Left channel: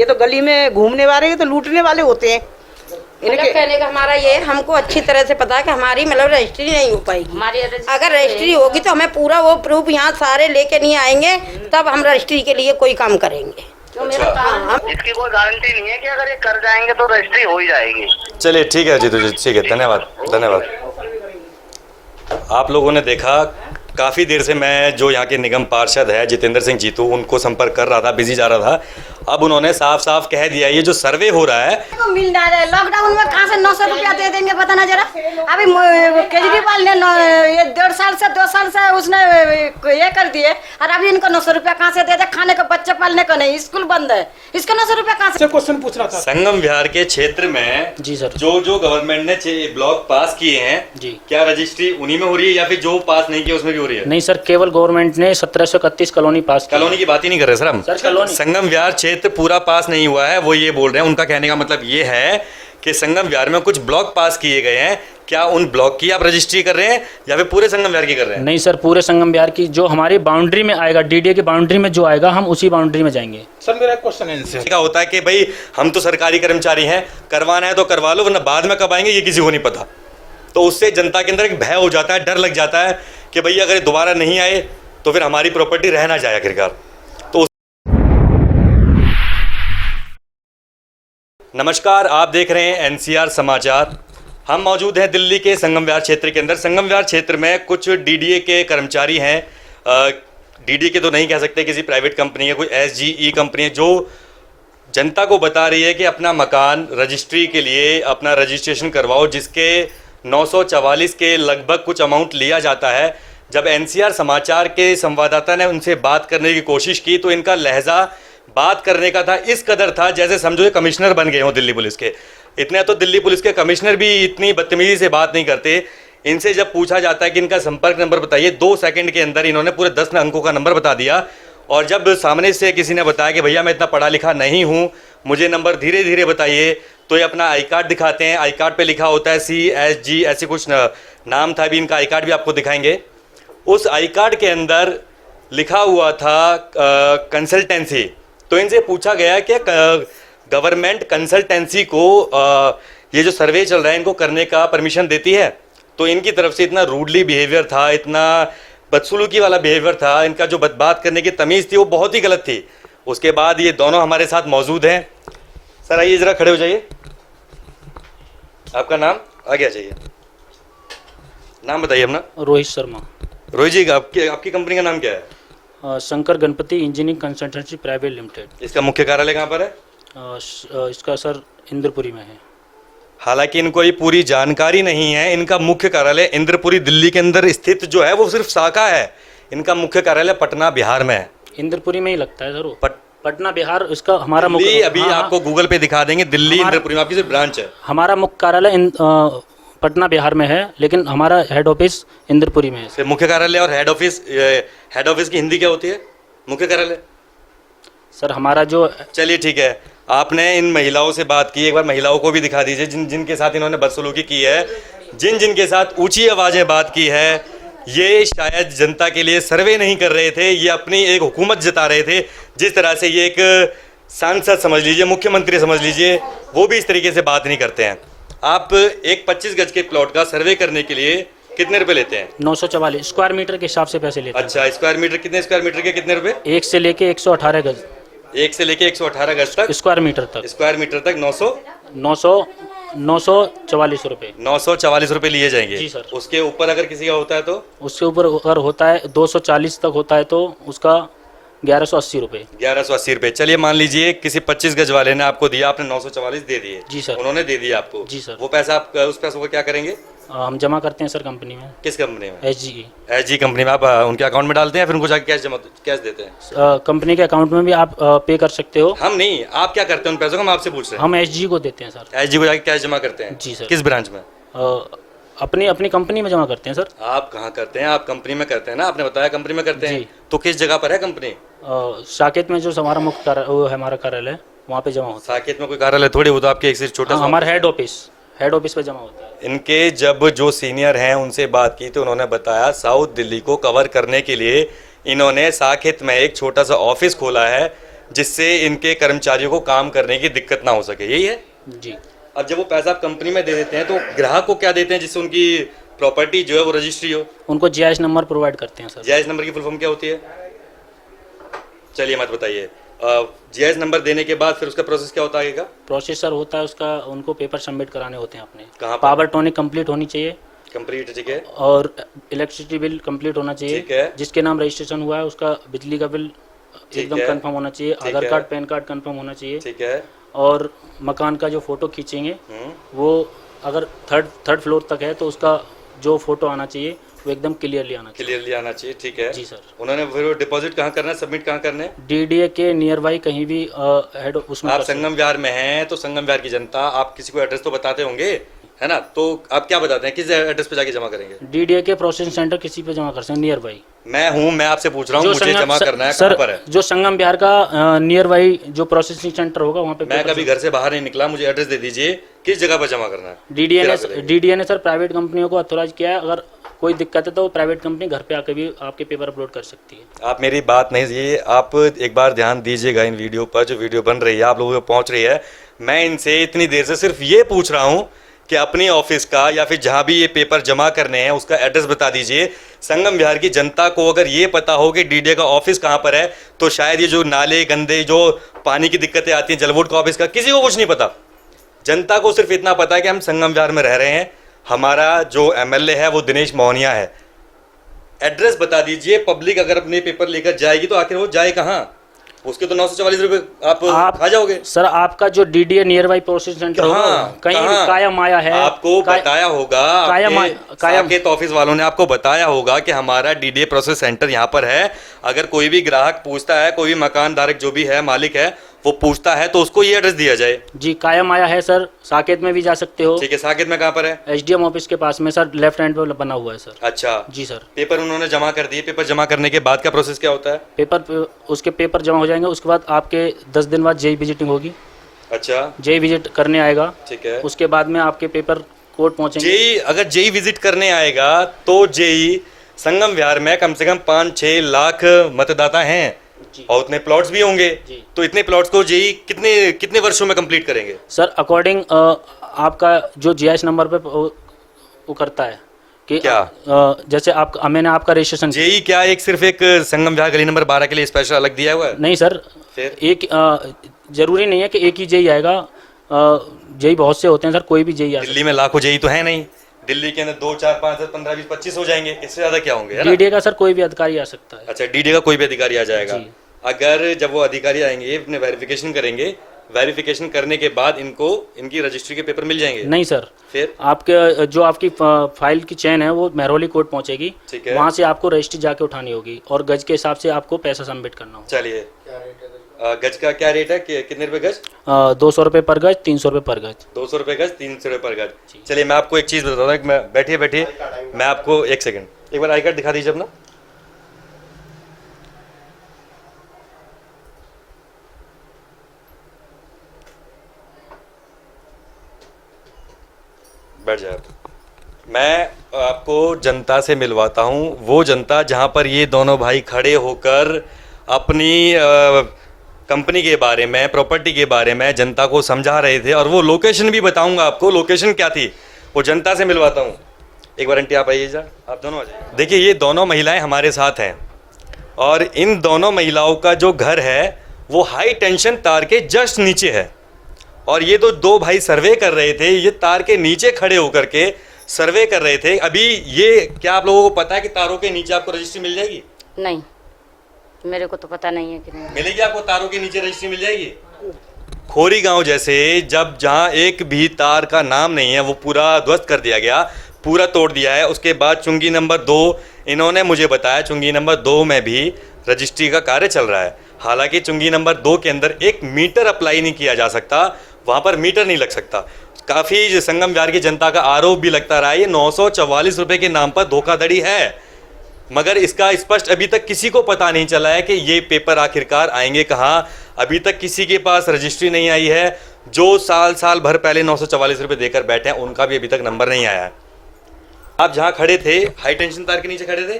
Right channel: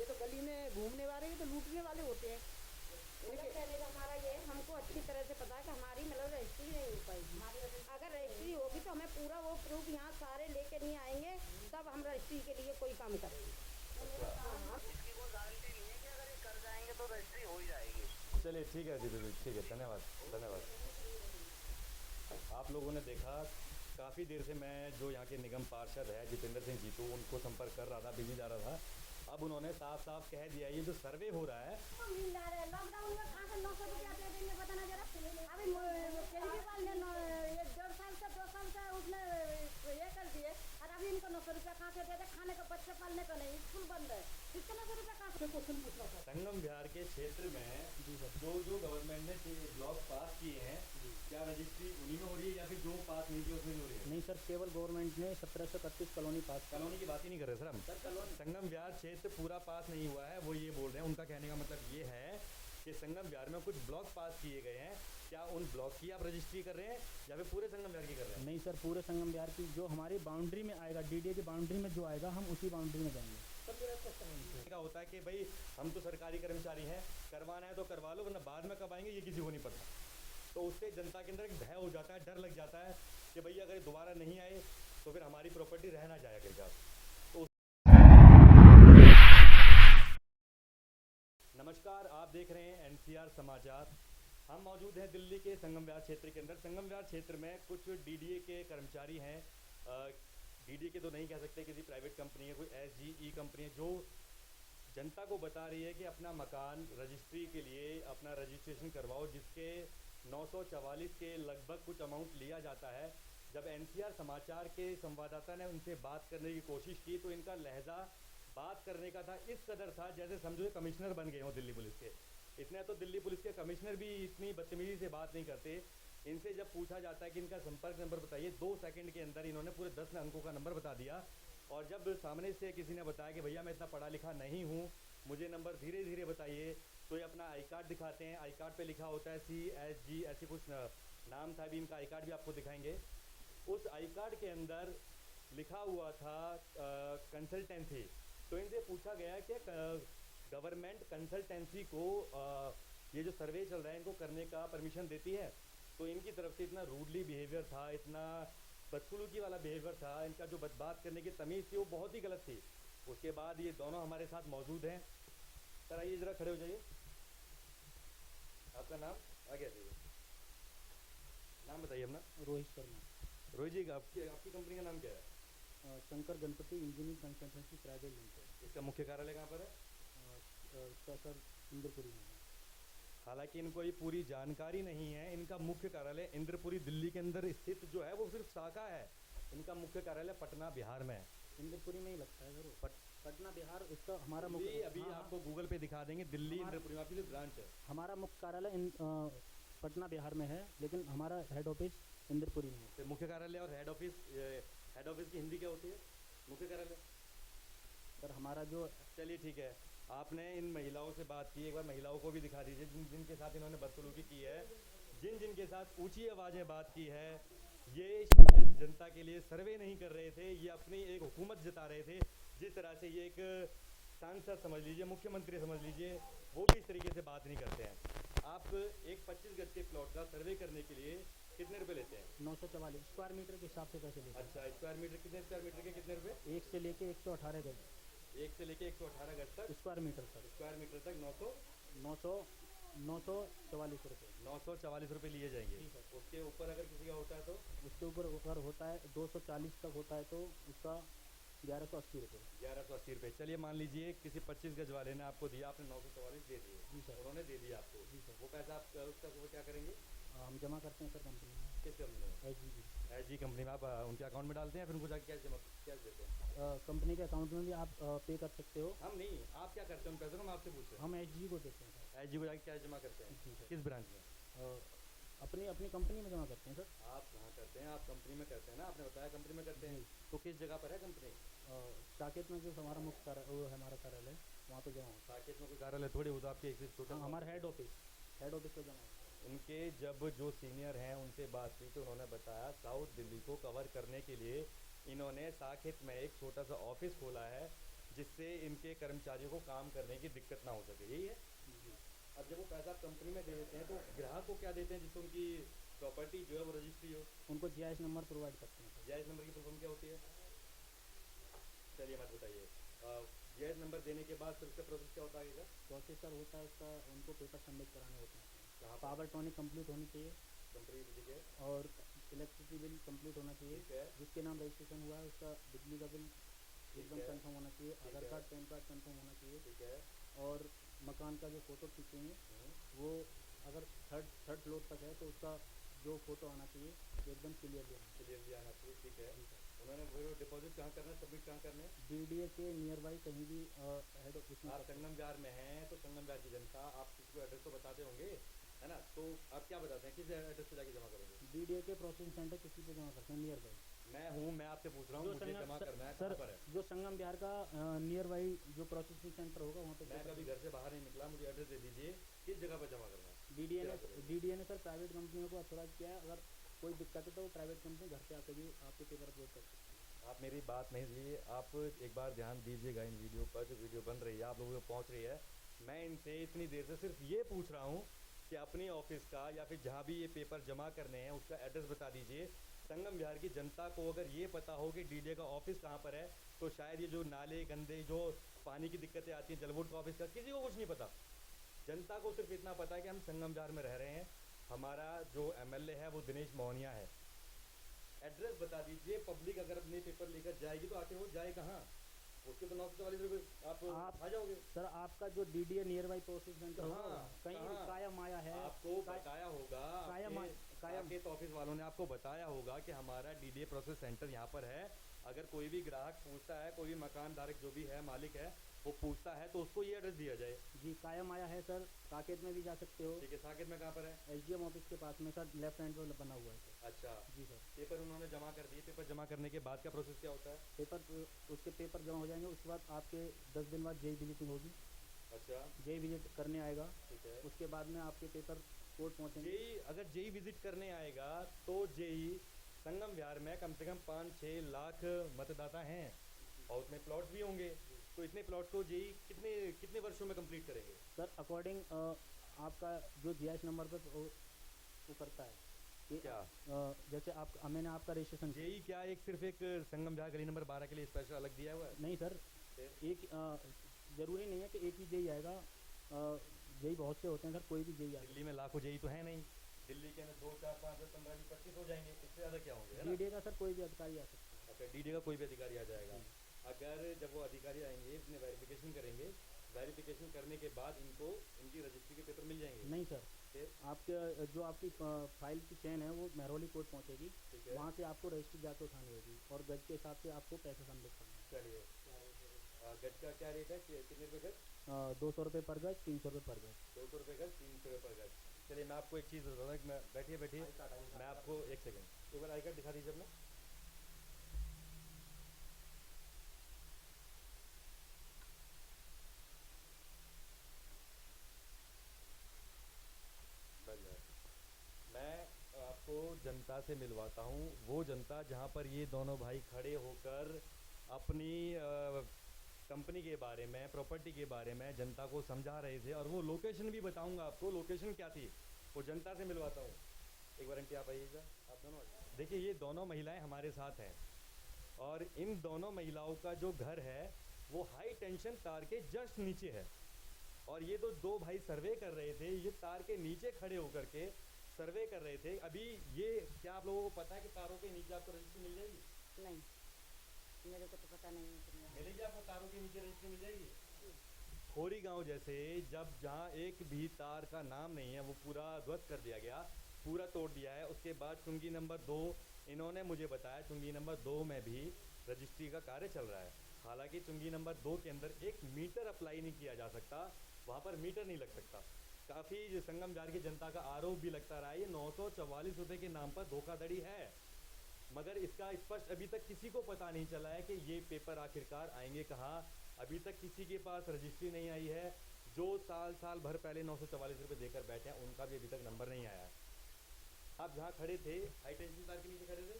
ये तो गली में घूमने वाले, ये तो लूटने वाले होते हैं। मतलब कहने का हमारा ये, हमको अच्छी तरह से पता है कि हमारी मतलब रजिस्ट्री नहीं हो पाएगी। हमारी अगर रजिस्ट्री होगी तो हमें पूरा वो प्रूफ यहाँ सारे लेके नहीं आएंगे, तब हम रजिस्ट्री के लिए कोई काम करेंगे। तो मेरा काम, इसकी कोई गारंटी नहीं है कि अगर ये कर जाएंगे तो रजिस्ट्री हो ही जाएगी। चलिए ठीक है जीतू जी, ठीक है, धन्यवाद धन्यवाद। आप लोगों ने देखा, काफ़ी देर से मैं जो यहाँ के निगम पार्षद है जितेंद्र सिंह जीतू, उनको संपर्क कर रहा था, बिजी जा रहा था। अब उन्होंने साफ साफ कह दिया ये जो सर्वे हो रहा है मिल जा रहा है। लॉकडाउन में कहाँ से 900 रुपया दे देंगे पता ना जरा। अभी केजरीवाल ने ये 1.5 साल से 2 साल से उसने ये कर दिए, और अभी इनको 900 रुपया कहाँ से दे दे? खाने का, बच्चे पालने का नहीं, स्कूल बंद है, इसका 900 रुपया कहाँ से? क्वेश्चन पूछ रहा था। संगम विहार के क्षेत्र में जी सर, जो गवर्नमेंट ने ब्लॉक पास किए हैं जी, क्या रजिस्ट्री उन्हीं में हो रही है या फिर जो पास नहीं किया उसमें भी हो रही है? नहीं सर, केवल गवर्नमेंट ने 1731 कॉलोनी पास की। कॉलोनी की बात ही नहीं कर रहे सर हम। सर कॉलोनी, संगम विहार क्षेत्र पूरा पास नहीं हुआ है, वो ये बोल रहे हैं। उनका कहने का मतलब ये है कि संगम विहार में कुछ ब्लॉक पास किए गए हैं, क्या उन ब्लॉक की आप रजिस्ट्री कर रहे हैं या फिर पूरे संगम विहार की कर रहे हैं? नहीं सर, पूरे संगम विहार की जो हमारी बाउंड्री में आएगा, डीडीए की बाउंड्री में जो आएगा, हम उसी बाउंड्री में जाएंगे। सर मेरा क्वेश्चन है इनसे, क्या होता है कि भाई हम तो सरकारी कर्मचारी हैं, करवाना है तो करवा लो, वरना बाद में कब आएंगे ये किसी को नहीं पता। तो उससे जनता के अंदर एक भय हो जाता है, डर लग जाता है कि भैया अगर दोबारा नहीं आए तो फिर हमारी प्रॉपर्टी रह ना जाए आखिरकार। तो नमस्कार, आप देख रहे हैं एनसीआर समाचार। हम मौजूद हैं दिल्ली के संगम विहार क्षेत्र के अंदर। संगम विहार क्षेत्र में कुछ डीडीए के कर्मचारी हैं, डीडीए के तो नहीं कह सकते, किसी प्राइवेट कंपनी है, कोई एसजीई कंपनी है, जो जनता को बता रही है कि अपना मकान रजिस्ट्री के लिए अपना रजिस्ट्रेशन करवाओ, जिसके 944 के लगभग कुछ अमाउंट लिया जाता है। जब एनसीआर समाचार के संवाददाता ने उनसे बात करने की कोशिश की तो इनका लहजा बात करने का था, इस कदर था जैसे समझो ये कमिश्नर बन गए हो दिल्ली पुलिस के। इतने तो दिल्ली पुलिस के कमिश्नर भी इतनी बदतमीजी से बात नहीं करते। इनसे जब पूछा जाता है कि इनका संपर्क नंबर बताइए, 2 सेकंड के अंदर इन्होंने पूरे 10 अंकों का नंबर बता दिया। और जब सामने से किसी ने बताया कि भैया मैं इतना पढ़ा लिखा नहीं हूँ, मुझे नंबर धीरे धीरे बताइए, तो ये अपना आई कार्ड दिखाते हैं। आई कार्ड पे लिखा होता है CSG, ऐसे कुछ नाम था। अभी इनका आई कार्ड भी आपको दिखाएंगे। उस आई कार्ड के अंदर लिखा हुआ था कंसल्टेंसी। तो इनसे पूछा गया कि गवर्नमेंट कंसल्टेंसी को ये जो सर्वे चल रहा है इनको करने का परमिशन देती है? तो इनकी तरफ से इतना रूडली बिहेवियर था, इतना बदसलूकी वाला बिहेवियर था, इनका जो बात करने की तमीज़ थी वो बहुत ही गलत थी। उसके बाद ये दोनों हमारे साथ मौजूद हैं। सर आइए ज़रा खड़े हो जाइए। आपका नाम? आगे आ जाइए, नाम बताइए अपना। रोहित शर्मा। रोहित जी, आपकी कंपनी का नाम क्या है? Shankar Ganpati engineering consultancy private limited. इसका मुख्य कार्यालय कहाँ पर है? इसका सर इंद्रपुरी में है। हालांकि इनको ये पूरी जानकारी नहीं है। इनका मुख्य कार्यालय इंद्रपुरी दिल्ली के अंदर स्थित जो है वो सिर्फ शाखा है। इनका मुख्य कार्यालय पटना बिहार में है। इंद्रपुरी में ही लगता है सर वो। पटना बिहार इसका हमारा मुख्य, अभी हाँ, आपको गूगल पे दिखा देंगे, दिल्ली इंद्रपुरी में आपकी सिर्फ ब्रांच है। हमारा मुख्य कार्यालय पटना बिहार में है, लेकिन हमारा हेड ऑफिस इंद्रपुरी में है। मुख्य कार्यालय और हेड ऑफिस की हिंदी क्या होती है? मुख्य कार्यालय सर हमारा जो। चलिए ठीक है, आपने इन महिलाओं से बात की, एक बार महिलाओं को भी दिखा दीजिए जिनके साथ इन्होंने बदसलूकी की है, जिनके साथ ऊंची आवाज़ें बात की है। ये शायद जनता के लिए सर्वे नहीं कर रहे थे, ये अपनी एक हुकूमत जता रहे थे। जिस तरह से ये एक सांसद समझ लीजिए, मुख्यमंत्री समझ लीजिए, वो भी इस तरीके से बात नहीं करते हैं। आप एक 25 गज के प्लॉट का सर्वे करने के लिए कितने रुपए लेते हैं? 944 स्क्वायर मीटर के हिसाब से पैसे लेते हैं। अच्छा, स्क्वायर मीटर, कितने स्क्वायर मीटर के कितने रुपए? 1 से लेके 118 गज। 1 से लेके 118 गज तक स्क्वायर मीटर तक 944 रुपए। 944 रुपए लिए जाएंगे जी सर। उसके ऊपर अगर किसी का होता है तो? उसके ऊपर अगर होता है 240 तक होता है तो उसका 1180 रुपये। 1180 रुपये। चलिए मान लीजिए किसी 25 गज वाले ने आपको दिया, आपने 944 दे दिए। जी सर। उन्होंने दे दिया आपको? जी सर। वो पैसा आप उस पैसों को क्या करेंगे? हम जमा करते हैं सर कंपनी में। किस कंपनी में? SGE कंपनी में। आप उनके अकाउंट में डालते हैं, फिर उनको जाके कैश देते हैं? कंपनी के अकाउंट में भी आप पे कर सकते हो। हम नहीं, आप क्या करते हैं उन पैसों को? हम आपसे पूछ रहे हैं। हम SGE को देते हैं सर। SGE को जाके कैश जमा करते हैं? जी सर। किस ब्रांच में? अपनी कंपनी में जमा करते हैं सर। आप कहाँ करते हैं? आप कंपनी में करते हैं ना, आपने बताया कंपनी में करते हैं। तो किस जगह पर है कंपनी? साकेत में जो हमारा मुख्य कार्यालय वो है, हमारा कार्यालय वहाँ पे जमा होता है। साकेत में कोई कार्यालय थोड़ी, वो तो आपके एक सिर्फ छोटा सा हमारा हेड ऑफिस पे जमा होता है। इनके जब जो सीनियर हैं उनसे बात की तो उन्होंने बताया साउथ दिल्ली को कवर करने के लिए इन्होंने साकेत में एक छोटा सा ऑफिस खोला है, जिससे इनके कर्मचारियों को काम करने की दिक्कत ना हो सके, यही है। जी। अब जब वो पैसा आप कंपनी में दे देते हैं तो ग्राहक को क्या देते हैं जिससे उनकी प्रॉपर्टी जो है वो रजिस्ट्री हो? उनको जीआईएस नंबर प्रोवाइड करते हैं सर। जीआईएस नंबर की फुल फॉर्म क्या होती है? चलिए मत बताइए। जीआईएस नंबर देने के बाद फिर उसका प्रोसेस क्या होता है आगे का? प्रोसेस सर होता है उसका, उनको पेपर सबमिट कराने होते हैं अपने। कहाँ पर? पावर टोनिक कंप्लीट होनी चाहिए कंप्लीट, ठीक है। और इलेक्ट्रिसिटी बिल कंप्लीट होना ठीक चाहिए। है। जिसके नाम रजिस्ट्रेशन हुआ है उसका बिजली का बिल एकदम है। कंफर्म होना चाहिए। ठीक आधार है। कार्ड, पैन कार्ड कंफर्म होना चाहिए। ठीक है। और मकान का जो फोटो खींचेंगे वो अगर थर्ड फ्लोर तक है तो उसका जो फोटो आना चाहिए वो एकदम क्लियरली आना चाहिए। क्लियरली आना चाहिए, ठीक है। जी सर। उन्होंने फिर डिपॉजिट कहाँ करना है, सबमिट कहाँ करना है? डीडीए के नियर बाई कहीं भी हेड उसमें आप कर सकते हैं। संगम विहार में हैं तो संगम विहार की जनता, आप किसी को एड्रेस तो बताते होंगे, है ना? तो आप क्या बताते हैं, किस एड्रेस पे जाके जमा करेंगे? डीडीए के प्रोसेसिंग सेंटर किसी पे जमा कर सकते हैं नियर बाई। मैं आपसे पूछ रहा हूँ, मुझे जमा करना है, सर कहाँ पर है? जो संगम बिहार का नियर बाई जो प्रोसेसिंग सेंटर होगा वहाँ पे मैं कभी घर से बाहर नहीं निकला, मुझे एड्रेस दे दीजिए, किस जगह पर जमा करना है? डीडीए ने सर प्राइवेट कंपनियों को अथोराइज किया है। अगर कोई दिक्कत है तो वो प्राइवेट कंपनी घर पे आके भी आपके पेपर अपलोड कर सकती है। आप मेरी बात नहीं, ये आप एक बार ध्यान दीजिएगा इन वीडियो पर, जो वीडियो बन रही है आप लोगों को पहुंच रही है। मैं इनसे इतनी देर से सिर्फ ये पूछ रहा हूं कि अपनी ऑफिस का या फिर जहां भी ये पेपर जमा करने हैं उसका एड्रेस बता दीजिए। संगम विहार की जनता को अगर ये पता हो कि डीडीए का ऑफिस कहां पर है तो शायद ये जो नाले गंदे, जो पानी की दिक्कतें आती हैं, जल बोर्ड का ऑफिस का, किसी को कुछ नहीं पता। जनता को सिर्फ इतना पता है कि हम संगम विहार में रह रहे हैं, हमारा जो एमएलए है वो दिनेश मोहनिया है। एड्रेस बता दीजिए। पब्लिक अगर अपने पेपर लेकर जाएगी तो आखिर वो जाए कहाँ? उसके तो 944 रुपये आप खा जाओगे। सर आपका जो DDA near by processing centre होगा कहीं भी काया माया है, आपको बताया होगा, साकेत ऑफिस वालों ने आपको बताया होगा कि हमारा डीडीए प्रोसेस सेंटर यहाँ पर है। अगर कोई भी ग्राहक पूछता है, कोई भी मकान धारक जो भी है, मालिक है, वो पूछता है तो उसको ये एड्रेस दिया जाए। जी काया माया है सर, साकेत में भी जा सकते हो। ठीक है, साकेत में कहाँ पर है? एसडीएम ऑफिस के पास में सर, लेफ्ट हैंड पे बना हुआ है सर। अच्छा जी सर। पेपर उन्होंने जमा कर दिए, पेपर जमा करने के बाद का प्रोसेस क्या होता है? उसके पेपर जमा हो जाएंगे, उसके बाद आपके 10 दिन बाद जेई विजिटिंग होगी। अच्छा, जेई विजिट करने आएगा, ठीक है। उसके बाद में आपके पेपर कोर्ट पहुंचेंगे। जेई अगर जेई विजिट करने आएगा तो जेई संगम विहार में कम से कम 5-6 लाख मतदाता हैं और उतने प्लॉट्स भी होंगे, तो इतने प्लॉट्स को जेई कितने वर्षों में कंप्लीट करेंगे? सर अकॉर्डिंग आपका जो जीआईएस नंबर पे वो करता है कि क्या? जैसे आप मैंने आपका रजिस्ट्रेशन जेई क्या एक सिर्फ एक संगम विहार गली नंबर 12 के लिए स्पेशल अलग दिया हुआ है? नहीं सर, फिर एक जरूरी नहीं है कि एक ही जेई आएगा। जेई बहुत से होते हैं सर, कोई भी जेई आ दिल्ली में लाखों जेई तो है नहीं, दिल्ली के अंदर 2, 4, 5, 10, 15, 20, 25 हो जाएंगे, इससे ज्यादा क्या होंगे? डीडीए का सर कोई भी अधिकारी आ सकता है। अच्छा, डीडीए का कोई भी अधिकारी आ जाएगा। अगर जब वो अधिकारी आएंगे, अपने वेरिफिकेशन करेंगे, वेरिफिकेशन करने के बाद इनको इनकी रजिस्ट्री के पेपर मिल जाएंगे? नहीं सर, फिर आपके जो आपकी फाइल की चेन है वो मेहरौली कोर्ट पहुंचेगी, ठीक है। वहाँ से आपको रजिस्ट्री जाके उठानी होगी और गज के हिसाब से आपको पैसा सबमिट करना होगा। चलिए, गज का क्या रेट है, कितने रुपए गज? 200 रुपये पर गज, 300 रुपये पर गज। 200 रुपये गज, 300 रुपये पर गज। चलिए मैं आपको एक चीज़ बताता हूँ, मैं बैठिए मैं आपको एक सेकंड, एक बार आई कार्ड दिखा दीजिए अपना। बैठ जाए। मैं आपको जनता से मिलवाता हूँ, वो जनता जहाँ पर ये दोनों भाई खड़े होकर अपनी कंपनी के बारे में, प्रॉपर्टी के बारे में जनता को समझा रहे थे, और वो लोकेशन भी बताऊंगा आपको, लोकेशन क्या थी, वो जनता से मिलवाता हूँ। एक बार आंटी आप आइए जा, आप दोनों आ जाइए। देखिए ये दोनों महिलाएं हमारे साथ हैं और इन दोनों महिलाओं का जो घर है वो हाई टेंशन तार के जस्ट नीचे है, और ये तो दो भाई सर्वे कर रहे थे, ये तार के नीचे खड़े होकर के सर्वे कर रहे थे। अभी ये क्या आप लोगों को पता है कि तारों के नीचे आपको रजिस्ट्री मिल जाएगी? नहीं, मेरे को तो पता नहीं है कि नहीं मिलेगी आपको, तारों के नीचे रजिस्ट्री मिल जाएगी। खोरी गांव जैसे जहां एक भी तार का नाम नहीं है वो पूरा ध्वस्त कर दिया गया, पूरा तोड़ दिया है। उसके बाद चुंगी नंबर 2, इन्होंने मुझे बताया चुंगी नंबर 2 में भी रजिस्ट्री का कार्य चल रहा है। हालांकि चुंगी नंबर 2 के अंदर एक मीटर अप्लाई नहीं किया जा सकता, वहां पर मीटर नहीं लग सकता। काफ़ी संगम विहार की जनता का आरोप भी लगता रहा है ये 944 रुपये के नाम पर धोखाधड़ी है, मगर इसका स्पष्ट अभी तक किसी को पता नहीं चला है कि ये पेपर आखिरकार आएंगे कहाँ। अभी तक किसी के पास रजिस्ट्री नहीं आई है। जो साल भर पहले 944 रुपये देकर बैठे हैं उनका भी अभी तक नंबर नहीं आया है। आप जहाँ खड़े थे हाई टेंशन तार के नीचे खड़े थे?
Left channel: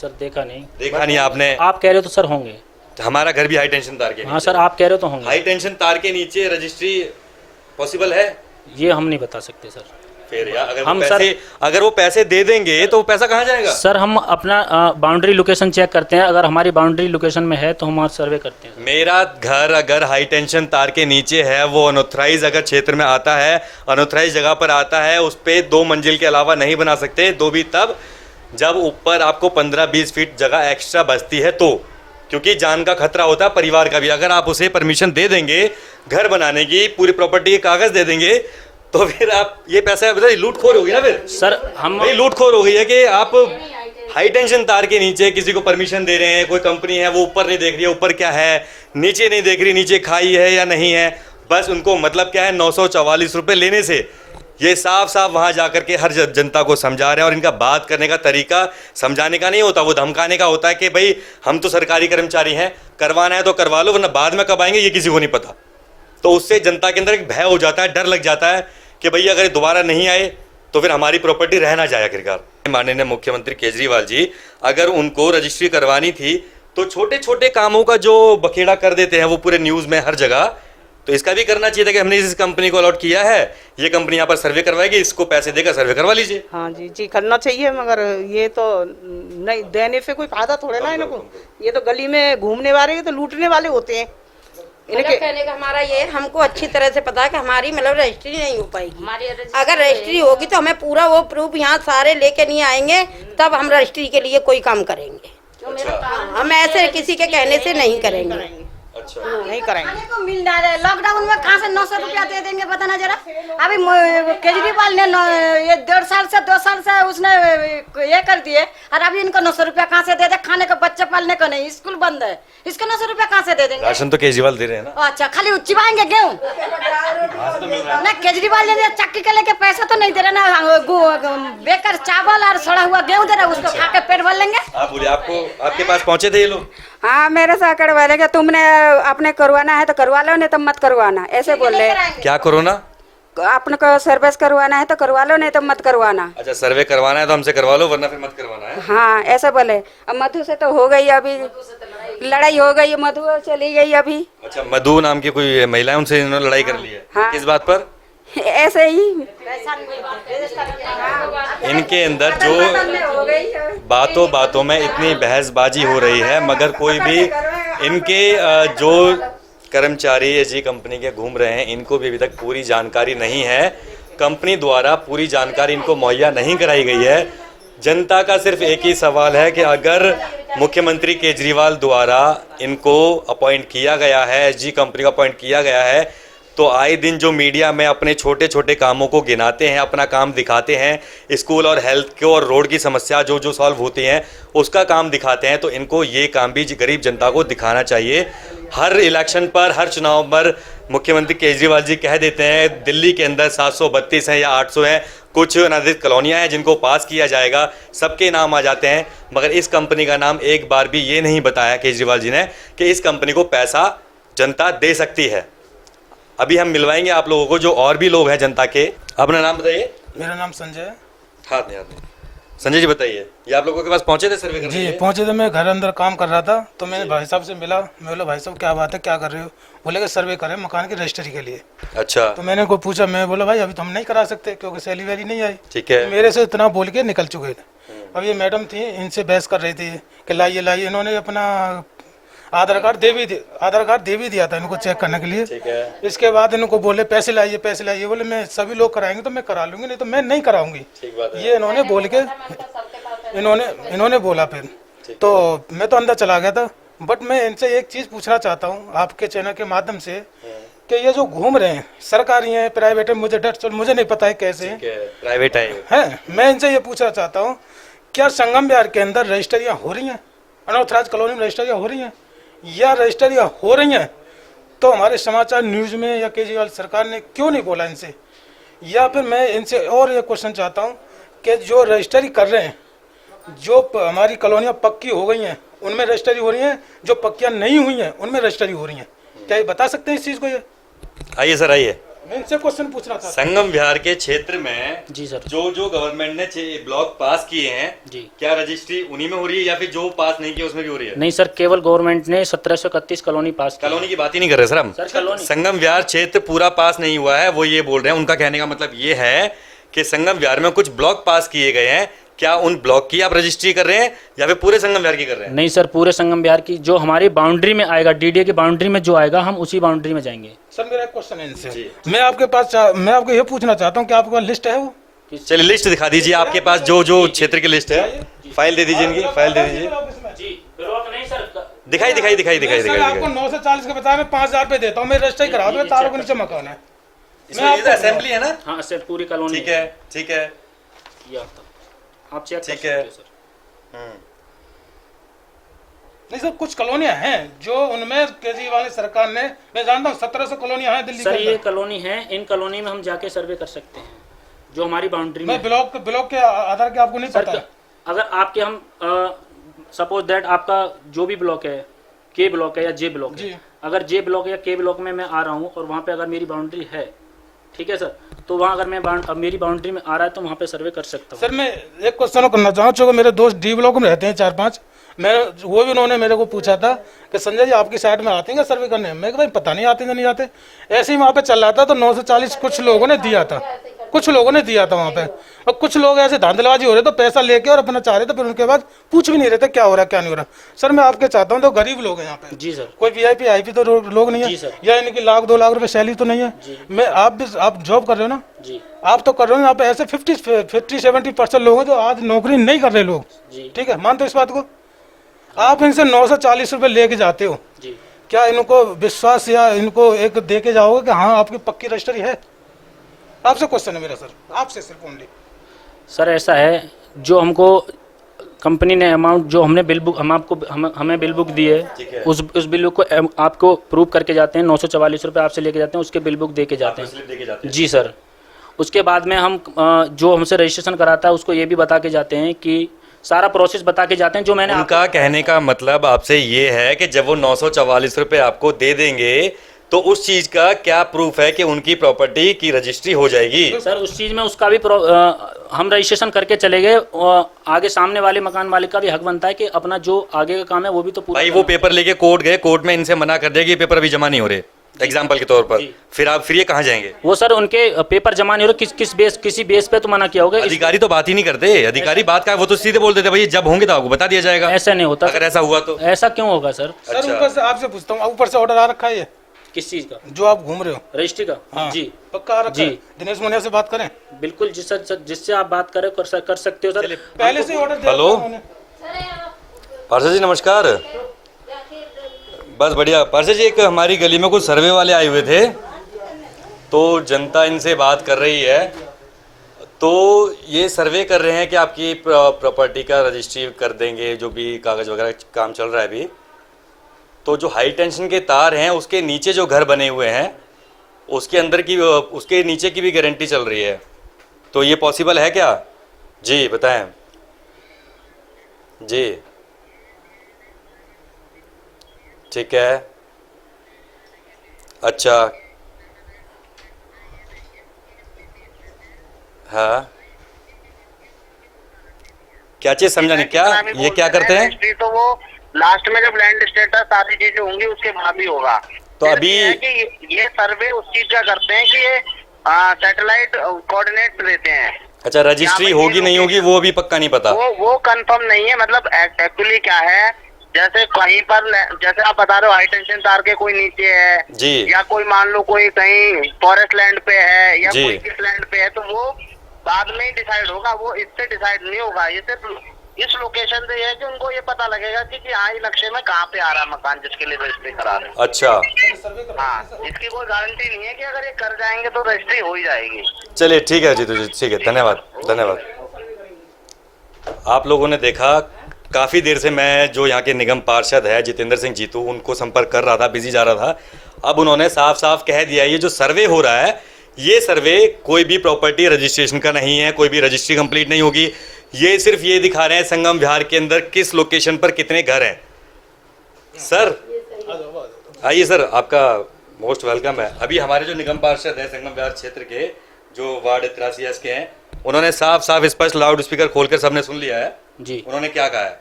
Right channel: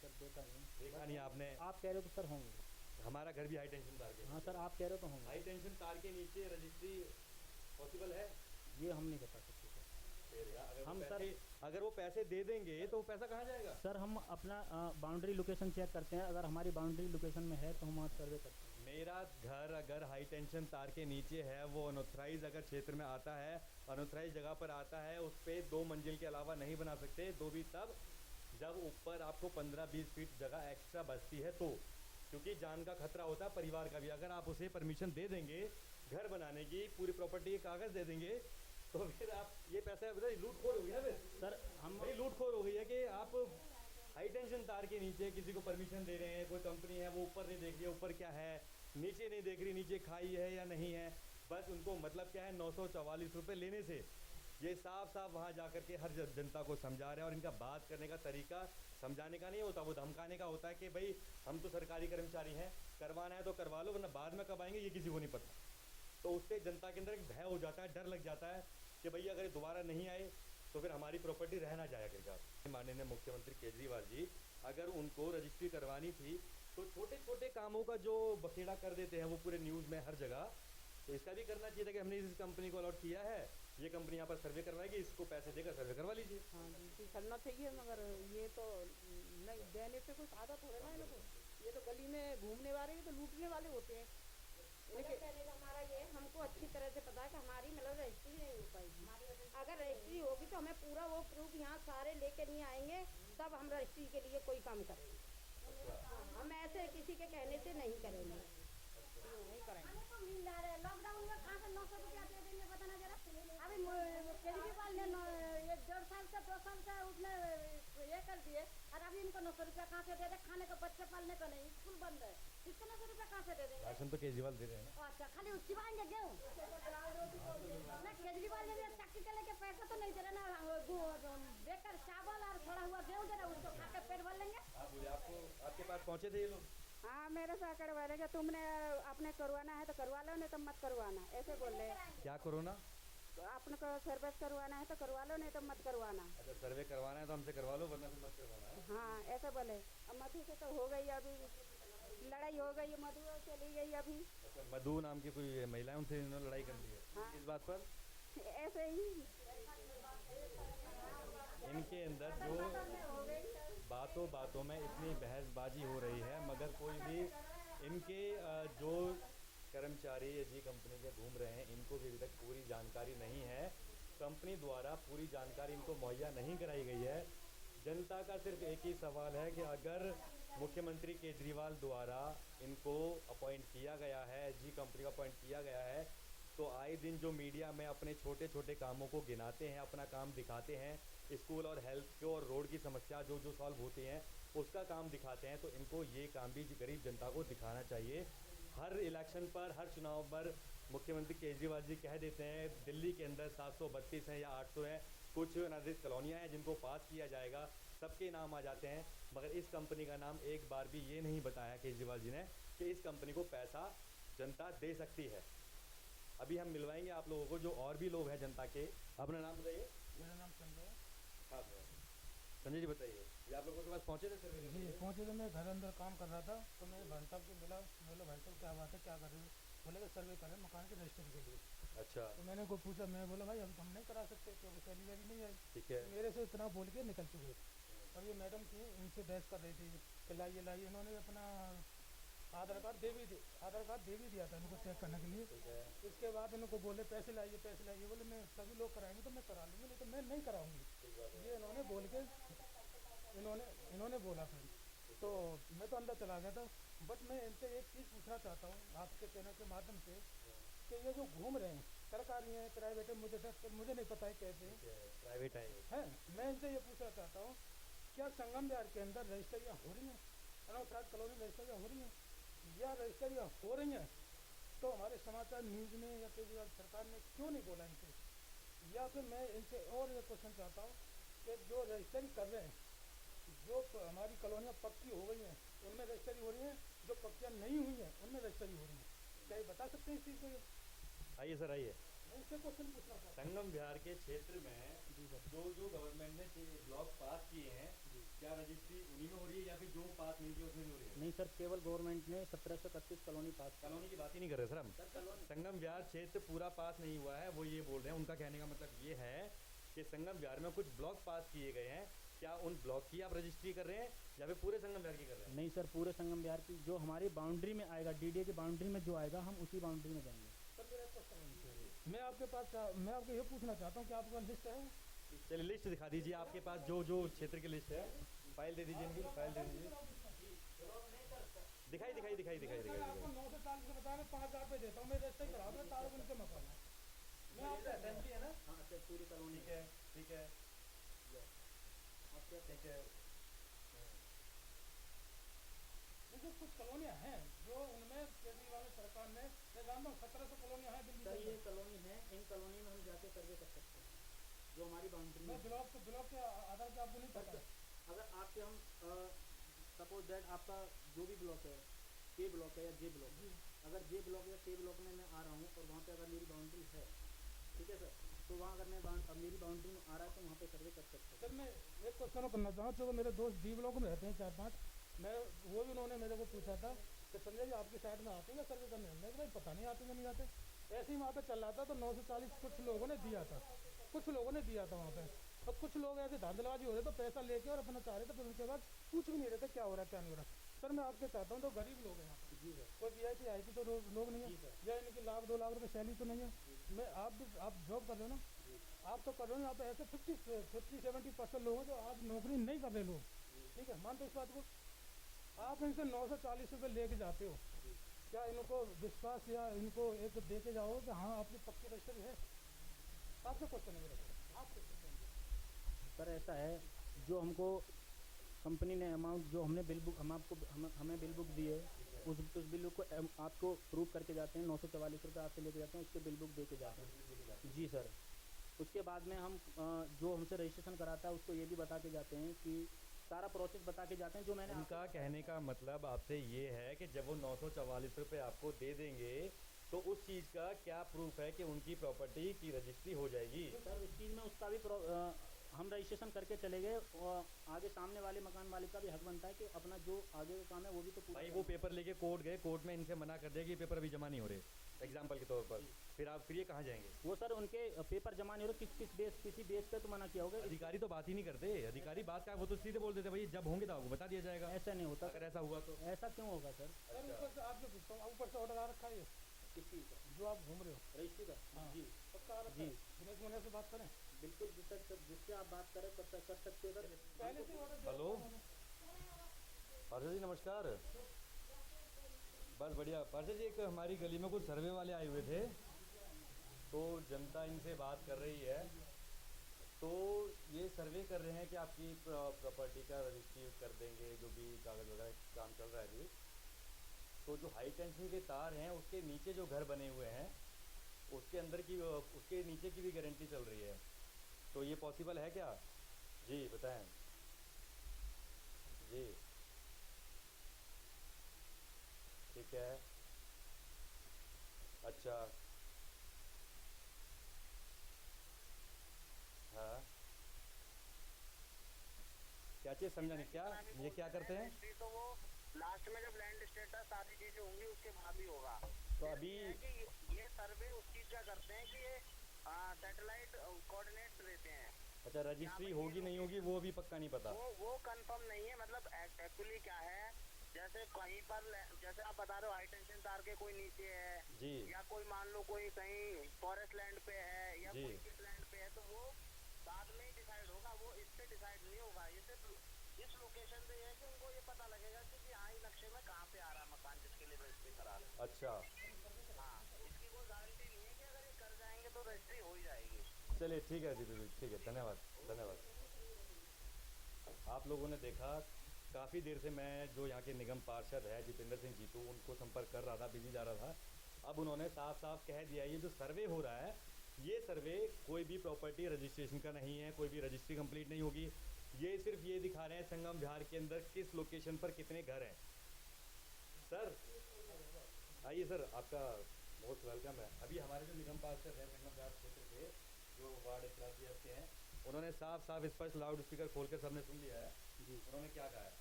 सर देखा नहीं नहीं आपने? आप कह रहे हो तो सर होंगे। हमारा घर भी हाई टेंशन तार के हाँ नीचे। सर, आप कह रहे हो तो होंगे। हाई टेंशन तार के नीचे रजिस्ट्री पॉसिबल है? ये हम नहीं बता सकते सर। फिर यार हम अगर वो पैसे दे देंगे तो वो पैसा कहाँ जाएगा? सर हम अपना बाउंड्री लोकेशन चेक करते हैं, अगर हमारी बाउंड्री लोकेशन में है तो हम वहाँ सर्वे करते हैं। मेरा घर अगर हाई टेंशन तार के नीचे है, वो अनऑथराइज अगर क्षेत्र में आता है, अनऑथराइज जगह पर आता है, उस पर 2 मंजिल के अलावा नहीं बना सकते। 2 भी तब जब ऊपर आपको 15-20 फीट जगह एक्स्ट्रा बचती है तो, क्योंकि जान का खतरा होता है परिवार का भी। अगर आप उसे परमिशन दे देंगे घर बनाने की, पूरी प्रॉपर्टी के कागज दे देंगे, तो फिर आप ये पैसा लूटखोर होगी ना फिर सर हम भाई, लूटखोर हो गई है कि आप हाई टेंशन तार के नीचे किसी को परमिशन दे रहे हैं। कोई कंपनी है वो ऊपर नहीं देख रही है ऊपर क्या है, नीचे नहीं देख रही नीचे खाई है या नहीं है, बस उनको मतलब क्या है 944 रुपये लेने से। ये साफ साफ वहाँ जा कर के हर जनता को समझा रहे हैं। और इनका बात करने का तरीका समझाने का नहीं होता, वो धमकाने का होता है कि भाई हम तो सरकारी कर्मचारी हैं, करवाना है तो करवा लो, वरना बाद में कब आएंगे ये किसी को नहीं पता। तो उससे जनता के अंदर एक भय हो जाता है, डर लग जाता है कि भैया अगर दोबारा नहीं आए तो फिर हमारी प्रॉपर्टी रह ना जाए आखिरकार। माननीय मुख्यमंत्री केजरीवाल जी अगर उनको रजिस्ट्री करवानी थी तो छोटे छोटे कामों का जो बखेड़ा कर देते हैं वो पूरे न्यूज़ में हर जगह, तो इसका भी करना चाहिए था कि हमने इस कंपनी को अलॉट किया है, ये कंपनी यहाँ पर सर्वे करवाएगी, इसको पैसे देकर सर्वे करवा लीजिए। हाँ जी जी करना चाहिए, मगर ये तो नहीं देने से कोई फायदा थोड़े ना इनको। ये तो गली में घूमने वाले तो लूटने वाले होते हैं। मतलब कहने का हमारा ये, हमको अच्छी तरह से पता है कि हमारी मतलब रजिस्ट्री नहीं हो पाएगी। अगर रजिस्ट्री होगी तो हमें पूरा वो प्रूफ यहाँ सारे लेके नहीं आएंगे, तब हम रजिस्ट्री के लिए कोई काम करेंगे। हम ऐसे किसी के कहने से नहीं करेंगे। अच्छा नहीं करेंगे। खाने को मिल रहा है, लॉकडाउन में कहाँ से 900 रुपया दे देंगे बताना जरा। अभी केजरीवाल ने ये 1.5 साल से 2 साल से उसने ये कर दिए, और अभी इनको 900 रुपया कहाँ से दे दे? खाने को बच्चे पालने को नहीं, स्कूल बंद है, इसको 900 रुपया कहाँ से दे देंगे? राशन तो केजरीवाल दे रहे हैं ना। अच्छा, खाली चिबाएंगे गेहूँ ना? केजरीवाल ने चक्की के लेके पैसा तो नहीं दे रहे ना, बेकार चावल और सड़ा हुआ गेहूँ दे रहे, उसको खा के पेट भर लेंगे। आप बोलिए, आपके पास पहुंचे थे ये लोग? हाँ, मेरे साथ करवा लेंगे, तुमने अपने करवाना है तो करवा लो, नहीं तो मत करवाना, ऐसे बोले। क्या करो ना? अपने को सर्विस करवाना है तो करवा लो, नहीं तो मत करवाना। अच्छा, सर्वे करवाना है तो हमसे करवा लो, वरना फिर मत करवाना है। हाँ, ऐसे बोले। अब मधु से तो हो गई, अभी लड़ाई हो गई, मधु चली गई अभी। अच्छा, मधु नाम की कोई महिला है, उनसे इन्होंने लड़ाई कर ली है? हाँ। किस बात पर? ऐसे ही इनके अंदर जो बातों बातों में इतनी बहसबाजी हो रही है, मगर कोई भी इनके जो कर्मचारी एजी कंपनी के घूम रहे हैं, इनको भी अभी तक पूरी जानकारी नहीं है। कंपनी द्वारा पूरी जानकारी इनको मुहैया नहीं कराई गई है। जनता का सिर्फ एक ही सवाल है कि अगर मुख्यमंत्री केजरीवाल द्वारा इनको अपॉइंट किया गया है, एजी कंपनी को अपॉइंट किया गया है, तो आए दिन जो मीडिया में अपने छोटे छोटे कामों को गिनाते हैं, अपना काम दिखाते हैं, स्कूल और हेल्थ को और रोड की समस्या जो जो सॉल्व होती हैं उसका काम दिखाते हैं, तो इनको ये काम भी गरीब जनता को दिखाना चाहिए। हर इलेक्शन पर, हर चुनाव पर मुख्यमंत्री केजरीवाल जी कह देते हैं दिल्ली के अंदर 732 हैं या 800 हैं, कुछ अनाधिकृत कॉलोनियाँ हैं जिनको पास किया जाएगा, सबके नाम आ जाते हैं, मगर इस कंपनी का नाम एक बार भी ये नहीं बताया केजरीवाल जी ने कि इस कंपनी को पैसा जनता दे सकती है। अभी हम मिलवाएंगे आप लोगों को जो और भी लोग हैं जनता के। अपना नाम बताइए। मेरा नाम संजय है। हाथ में संजय जी बताइए, ये आप लोगों के पास पहुंचे थे सर्वे करने के जी लिए? पहुंचे थे, मैं घर अंदर काम कर रहा था तो मैंने भाई साहब से मिला। मैं बोला भाई साहब क्या बात है, क्या कर रहे हो? बोले कि सर्वे करें मकान की रजिस्ट्री के लिए। अच्छा, तो मैंने को पूछा, मैं बोला भाई अभी तो हम नहीं करा सकते क्योंकि सैलरी वैली नहीं आई। ठीक है। मेरे से इतना बोल के निकल चुके थे। अब ये मैडम थी, इनसे बहस कर रही थी कि लाइए लाइए। इन्होंने अपना आधार कार्ड दे भी दिया था इनको चेक करने के लिए। ठीक है। इसके बाद इनको बोले पैसे लाइए पैसे लाइए। बोले मैं सभी लोग कराएंगे तो मैं करा लूंगी, नहीं तो मैं नहीं कराऊंगी। ठीक बात है। ये इन्होंने बोल के इन्होंने बोला। फिर तो मैं तो अंदर चला गया था। बट मैं इनसे एक चीज़ पूछना चाहता हूँ आपके चैनल के माध्यम से कि ये जो घूम रहे हैं, सरकारी हैं प्राइवेट है, मुझे नहीं पता है कैसे हैं, प्राइवेट है। मैं इनसे ये पूछना चाहता हूँ, क्या संगम विहार के अंदर रजिस्ट्रियाँ हो रही हैं? अनऑथराइज कॉलोनी में रजिस्ट्रियाँ हो रही हैं या रजिस्ट्रियाँ हो रही हैं तो हमारे समाचार न्यूज़ में या केजरीवाल सरकार ने क्यों नहीं बोला इनसे? या फिर मैं इनसे और ये क्वेश्चन चाहता हूँ कि जो रजिस्ट्री कर रहे हैं, जो हमारी कॉलोनियाँ पक्की हो गई हैं उनमें रजिस्ट्री हो रही हैं, जो पक्कियाँ नहीं हुई हैं उनमें रजिस्ट्री हो रही हैं, क्या ये बता सकते हैं इस चीज़ को? ये आइए सर, आइए। मैं इनसे क्वेश्चन पूछना था। संगम विहार के क्षेत्र में जी सर। जो गवर्नमेंट ने ब्लॉक पास किए हैं जी। क्या रजिस्ट्री उन्हीं में हो रही है या फिर जो पास नहीं किए उसमें भी हो रही है? नहीं सर, केवल गवर्नमेंट ने 1731 कॉलोनी पास की। कॉलोनी की बात ही नहीं कर रहे सर हम। सर कॉलोनी संगम विहार क्षेत्र पूरा पास नहीं हुआ है, वो ये बोल रहे हैं। उनका कहने का मतलब ये है कि संगम विहार में कुछ ब्लॉक पास किए गए हैं, क्या उन ब्लॉक की आप रजिस्ट्री कर रहे हैं या फिर पूरे संगम विहार की कर रहे हैं? नहीं सर, पूरे संगम विहार की जो हमारी बाउंड्री में आएगा, डीडीए की बाउंड्री में जो आएगा, हम उसी बाउंड्री में जाएंगे। सर मेरा क्वेश्चन है इनसे, मैं आपको ये पूछना चाहता हूँ कि आपके पास लिस्ट है वो? चलिए लिस्ट दिखा दीजिए आपके पास, जो क्षेत्र की लिस्ट है। फाइल दे दीजिए इनकी, फाइल दे दीजिए। दिखाई आपको 9 से 40 के बता मैं 5,000 रुपए देता हूँ, मैं रजिस्ट्री करा दूँ, तारों के नीचे मकान है। असेंबली है ना? हाँ सर, पूरी कॉलोनी। ठीक है, ठीक है, ये आप चेक कर ठीक सकते है। हो सर। नहीं सर, कुछ कॉलोनियां हैं जो उनमें केजरीवाल सरकार ने, मैं जानता हूँ 1700 कॉलोनियां हैं दिल्ली सर के ये अंदर। कॉलोनी है, इन कॉलोनी में हम जाके सर्वे कर सकते हैं जो हमारी बाउंड्री में मैं ब्लॉक के आधार के आपको नहीं सर पता। अगर आपके हम सपोज दैट आपका जो भी ब्लॉक है, के ब्लॉक है या जे ब्लॉक है, अगर जे ब्लॉक या के ब्लॉक में मैं आ रहा हूँ और वहाँ पे अगर मेरी बाउंड्री है, ठीक है सर, तो वहाँ अगर मैं मेरी बाउंड्री में आ रहा है तो वहाँ पे सर्वे कर सकता हूँ। सर मैं एक क्वेश्चन करना चाहूँ, चूँकि मेरे दोस्त डी ब्लॉक में रहते हैं 4-5, मैं वो भी उन्होंने मेरे को पूछा था कि संजय जी आपकी साइड में आते हैं सर्वे करने? मैं भाई पता नहीं आते नहीं आते। ऐसे ही वहाँ पे चल रहा था तो 9 से 40 कुछ लोगों ने दिया था वहाँ पे, और कुछ लोग ऐसे धांधलबाजी हो रहे तो पैसा लेके और अपना चाह रहे थे, फिर उनके बाद पूछ भी नहीं रहे थे क्या हो रहा क्या नहीं हो रहा। सर मैं आपके चाहता हूँ, तो गरीब लोग हैं यहाँ पे। जी सर। कोई वीआईपी आईपी तो लोग नहीं जी है, सर। या इनकी 1-2 लाख रुपए सैलरी तो नहीं है। मैं आप जॉब कर रहे हो ना? जी। आप तो कर रहे हो, यहाँ पे ऐसे 50-70% लोग हैं जो आज नौकरी नहीं कर रहे लोग। ठीक है, मानते हो इस बात को? आप इनसे 9 से 40 रुपए लेके जाते हो, क्या इनको विश्वास या इनको एक दे के जाओगे कि हाँ आपकी पक्की रजिस्ट्री है? आपसे क्वेश्चन है मेरा सर, आपसे सिर्फ ओनली। सर ऐसा है, जो हमको कंपनी ने अमाउंट जो हमने बिल बुक हमें बिल बुक दी है, उस बिल बुक को आपको प्रूव करके जाते हैं। 944 रुपये आपसे लेके जाते हैं, उसके बिल बुक दे के जाते हैं। जी सर। उसके बाद में हम जो हमसे रजिस्ट्रेशन कराता है उसको ये भी बता के जाते हैं कि सारा प्रोसेस बता के जाते हैं जो मैंने उनका कहने का मतलब आपसे ये है कि जब वो 944 रुपये आपको दे देंगे तो उस चीज का क्या प्रूफ है कि उनकी प्रॉपर्टी की रजिस्ट्री हो जाएगी? सर उस चीज में उसका भी हम रजिस्ट्रेशन करके चले गए, आगे सामने वाले मकान मालिक का भी हक बनता है कि अपना जो आगे का काम है वो भी तो पूरा। भाई वो पेपर लेके कोर्ट गए, कोर्ट में इनसे मना कर दिया कि ये पेपर अभी जमा नहीं हो रहे, एग्जाम्पल के तौर पर, फिर ये कहाँ जाएंगे? वो सर उनके पेपर जमा नहीं हो रहे, किसी बेस पे तो मना किया होगा। अधिकारी तो बात ही नहीं करते, अधिकारी बात का वो तो सीधे बोल देते भाई जब होंगे तो आपको बता दिया जाएगा। ऐसा नहीं होता। अगर ऐसा हुआ तो ऐसा क्यों होगा सर? सर ऊपर से आपसे पूछता हूँ, ऊपर से ऑर्डर आ रखा है ये? किस चीज का? जो आप घूम रहे हो रजिस्ट्री का? हाँ, जी पक्का आ रखा है? दिनेश मुनिया से बात करें? बिल्कुल जिससे आप बात करें कर सकते हो सर। पहले से ऑर्डर। हेलो पार्षद जी नमस्कार। बस बढ़िया पार्षद जी, एक हमारी गली में कुछ सर्वे वाले आए हुए थे तो जनता इनसे बात कर रही है, तो ये सर्वे कर रहे हैं कि आपकी प्रॉपर्टी का रजिस्ट्री कर देंगे, जो भी कागज़ वगैरह काम चल रहा है अभी। तो जो हाई टेंशन के तार हैं उसके नीचे जो घर बने हुए हैं उसके अंदर की, उसके नीचे की भी गारंटी चल रही है, तो ये पॉसिबल है क्या? जी बताएं जी। ठीक है, अच्छा हाँ, क्या चीज समझा नहीं? क्या ये क्या करते हैं? रजिस्ट्री तो वो लास्ट में जब लैंड स्टेटस सारी चीजें होंगी उसके बाद ही होगा। तो अभी ये सर्वे उस चीज का करते हैं कि ये सैटेलाइट कोऑर्डिनेट देते हैं। अच्छा, रजिस्ट्री होगी नहीं होगी वो भी पक्का नहीं पता? वो कंफर्म नहीं है। मतलब एक्चुअली क्या है, जैसे कहीं पर जैसे आप बता रहे हो हाई टेंशन तार के कोई नीचे है जी, या कोई मान लो कोई कहीं फॉरेस्ट लैंड पे है या जी, कोई किस लैंड पे है, तो वो बाद में ही डिसाइड होगा, वो इससे डिसाइड नहीं होगा। ये सिर्फ इस लोकेशन से है कि उनको ये पता लगेगा कि हाँ ये नक्शे में कहाँ पे आ रहा है मकान जिसके लिए रजिस्ट्री करा रहे हैं। अच्छा हाँ, इसकी कोई गारंटी नहीं है कि अगर ये कर जाएंगे तो रजिस्ट्री हो ही जाएगी। चलिए ठीक है जी, तो ठीक है, धन्यवाद धन्यवाद। आप लोगों ने देखा, काफ़ी देर से मैं जो यहाँ के निगम पार्षद है जितेंद्र सिंह जीतू, उनको संपर्क कर रहा था, बिजी जा रहा था। अब उन्होंने साफ साफ कह दिया ये जो सर्वे हो रहा है, ये सर्वे कोई भी प्रॉपर्टी रजिस्ट्रेशन का नहीं है, कोई भी रजिस्ट्री कंप्लीट नहीं होगी। ये सिर्फ ये दिखा रहे हैं संगम विहार के अंदर किस लोकेशन पर कितने घर हैं। सर आइए सर, आपका मोस्ट वेलकम है। अभी हमारे जो निगम पार्षद है संगम व्यार क्षेत्र के, जो वार्ड 83 के हैं, उन्होंने साफ साफ स्पष्ट लाउड स्पीकर खोलकर सबने सुन लिया है जी। उन्होंने क्या कहा है?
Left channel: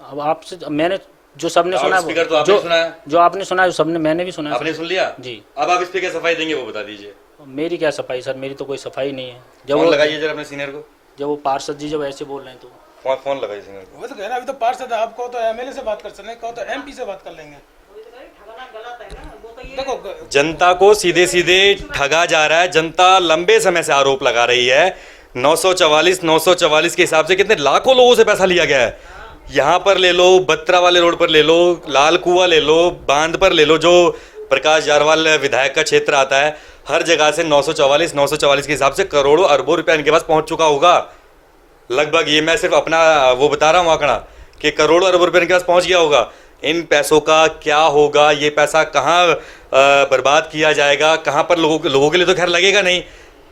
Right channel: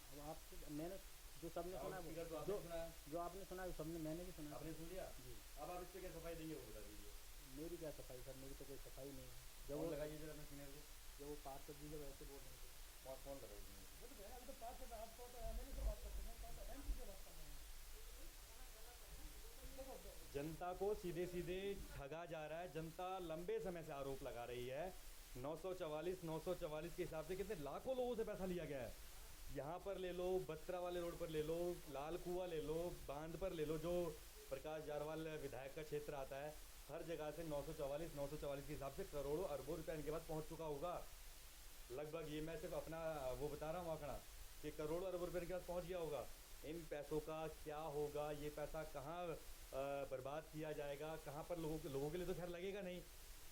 अब आपसे मैंने जो सबने सुना है, स्पीकर तो आपने सुना है, जो आपने सुना है सबने मैंने भी सुना है। आपने सुन लिया जी। अब आप इस पे क्या सफाई देंगे वो बता दीजिए। मेरी क्या सफाई सर, मेरी तो कोई सफाई नहीं है। जब फोन वो लगाइए जरा अपने सीनियर को, जब वो पार्षद जी जब ऐसे बोल रहे हैं तो फोन लगाइए सीनियर को। वो तो कह रहा अभी तो पार्षद है, आपको तो एमएलए से बात कर सकते हैं, कहो तो एमपी से बात कर लेंगे। देखो जनता को सीधे सीधे ठगा जा रहा है। जनता लंबे समय से आरोप लगा रही है 944 के हिसाब से कितने लाखों लोगों से पैसा लिया गया है। यहाँ पर ले लो, बत्रा वाले रोड पर ले लो, लाल कुआं ले लो, बांध पर ले लो, जो प्रकाश जारवाल विधायक का क्षेत्र आता है, हर जगह से 944 के हिसाब से करोड़ों अरबों रुपया इनके पास पहुंच चुका होगा लगभग। ये मैं सिर्फ अपना वो बता रहा हूँ आंकड़ा कि करोड़ों अरबों रुपया इनके पास पहुंच गया होगा। इन पैसों का क्या होगा, ये पैसा कहाँ बर्बाद किया जाएगा, कहाँ पर लोगों के लिए तो खैर लगेगा नहीं,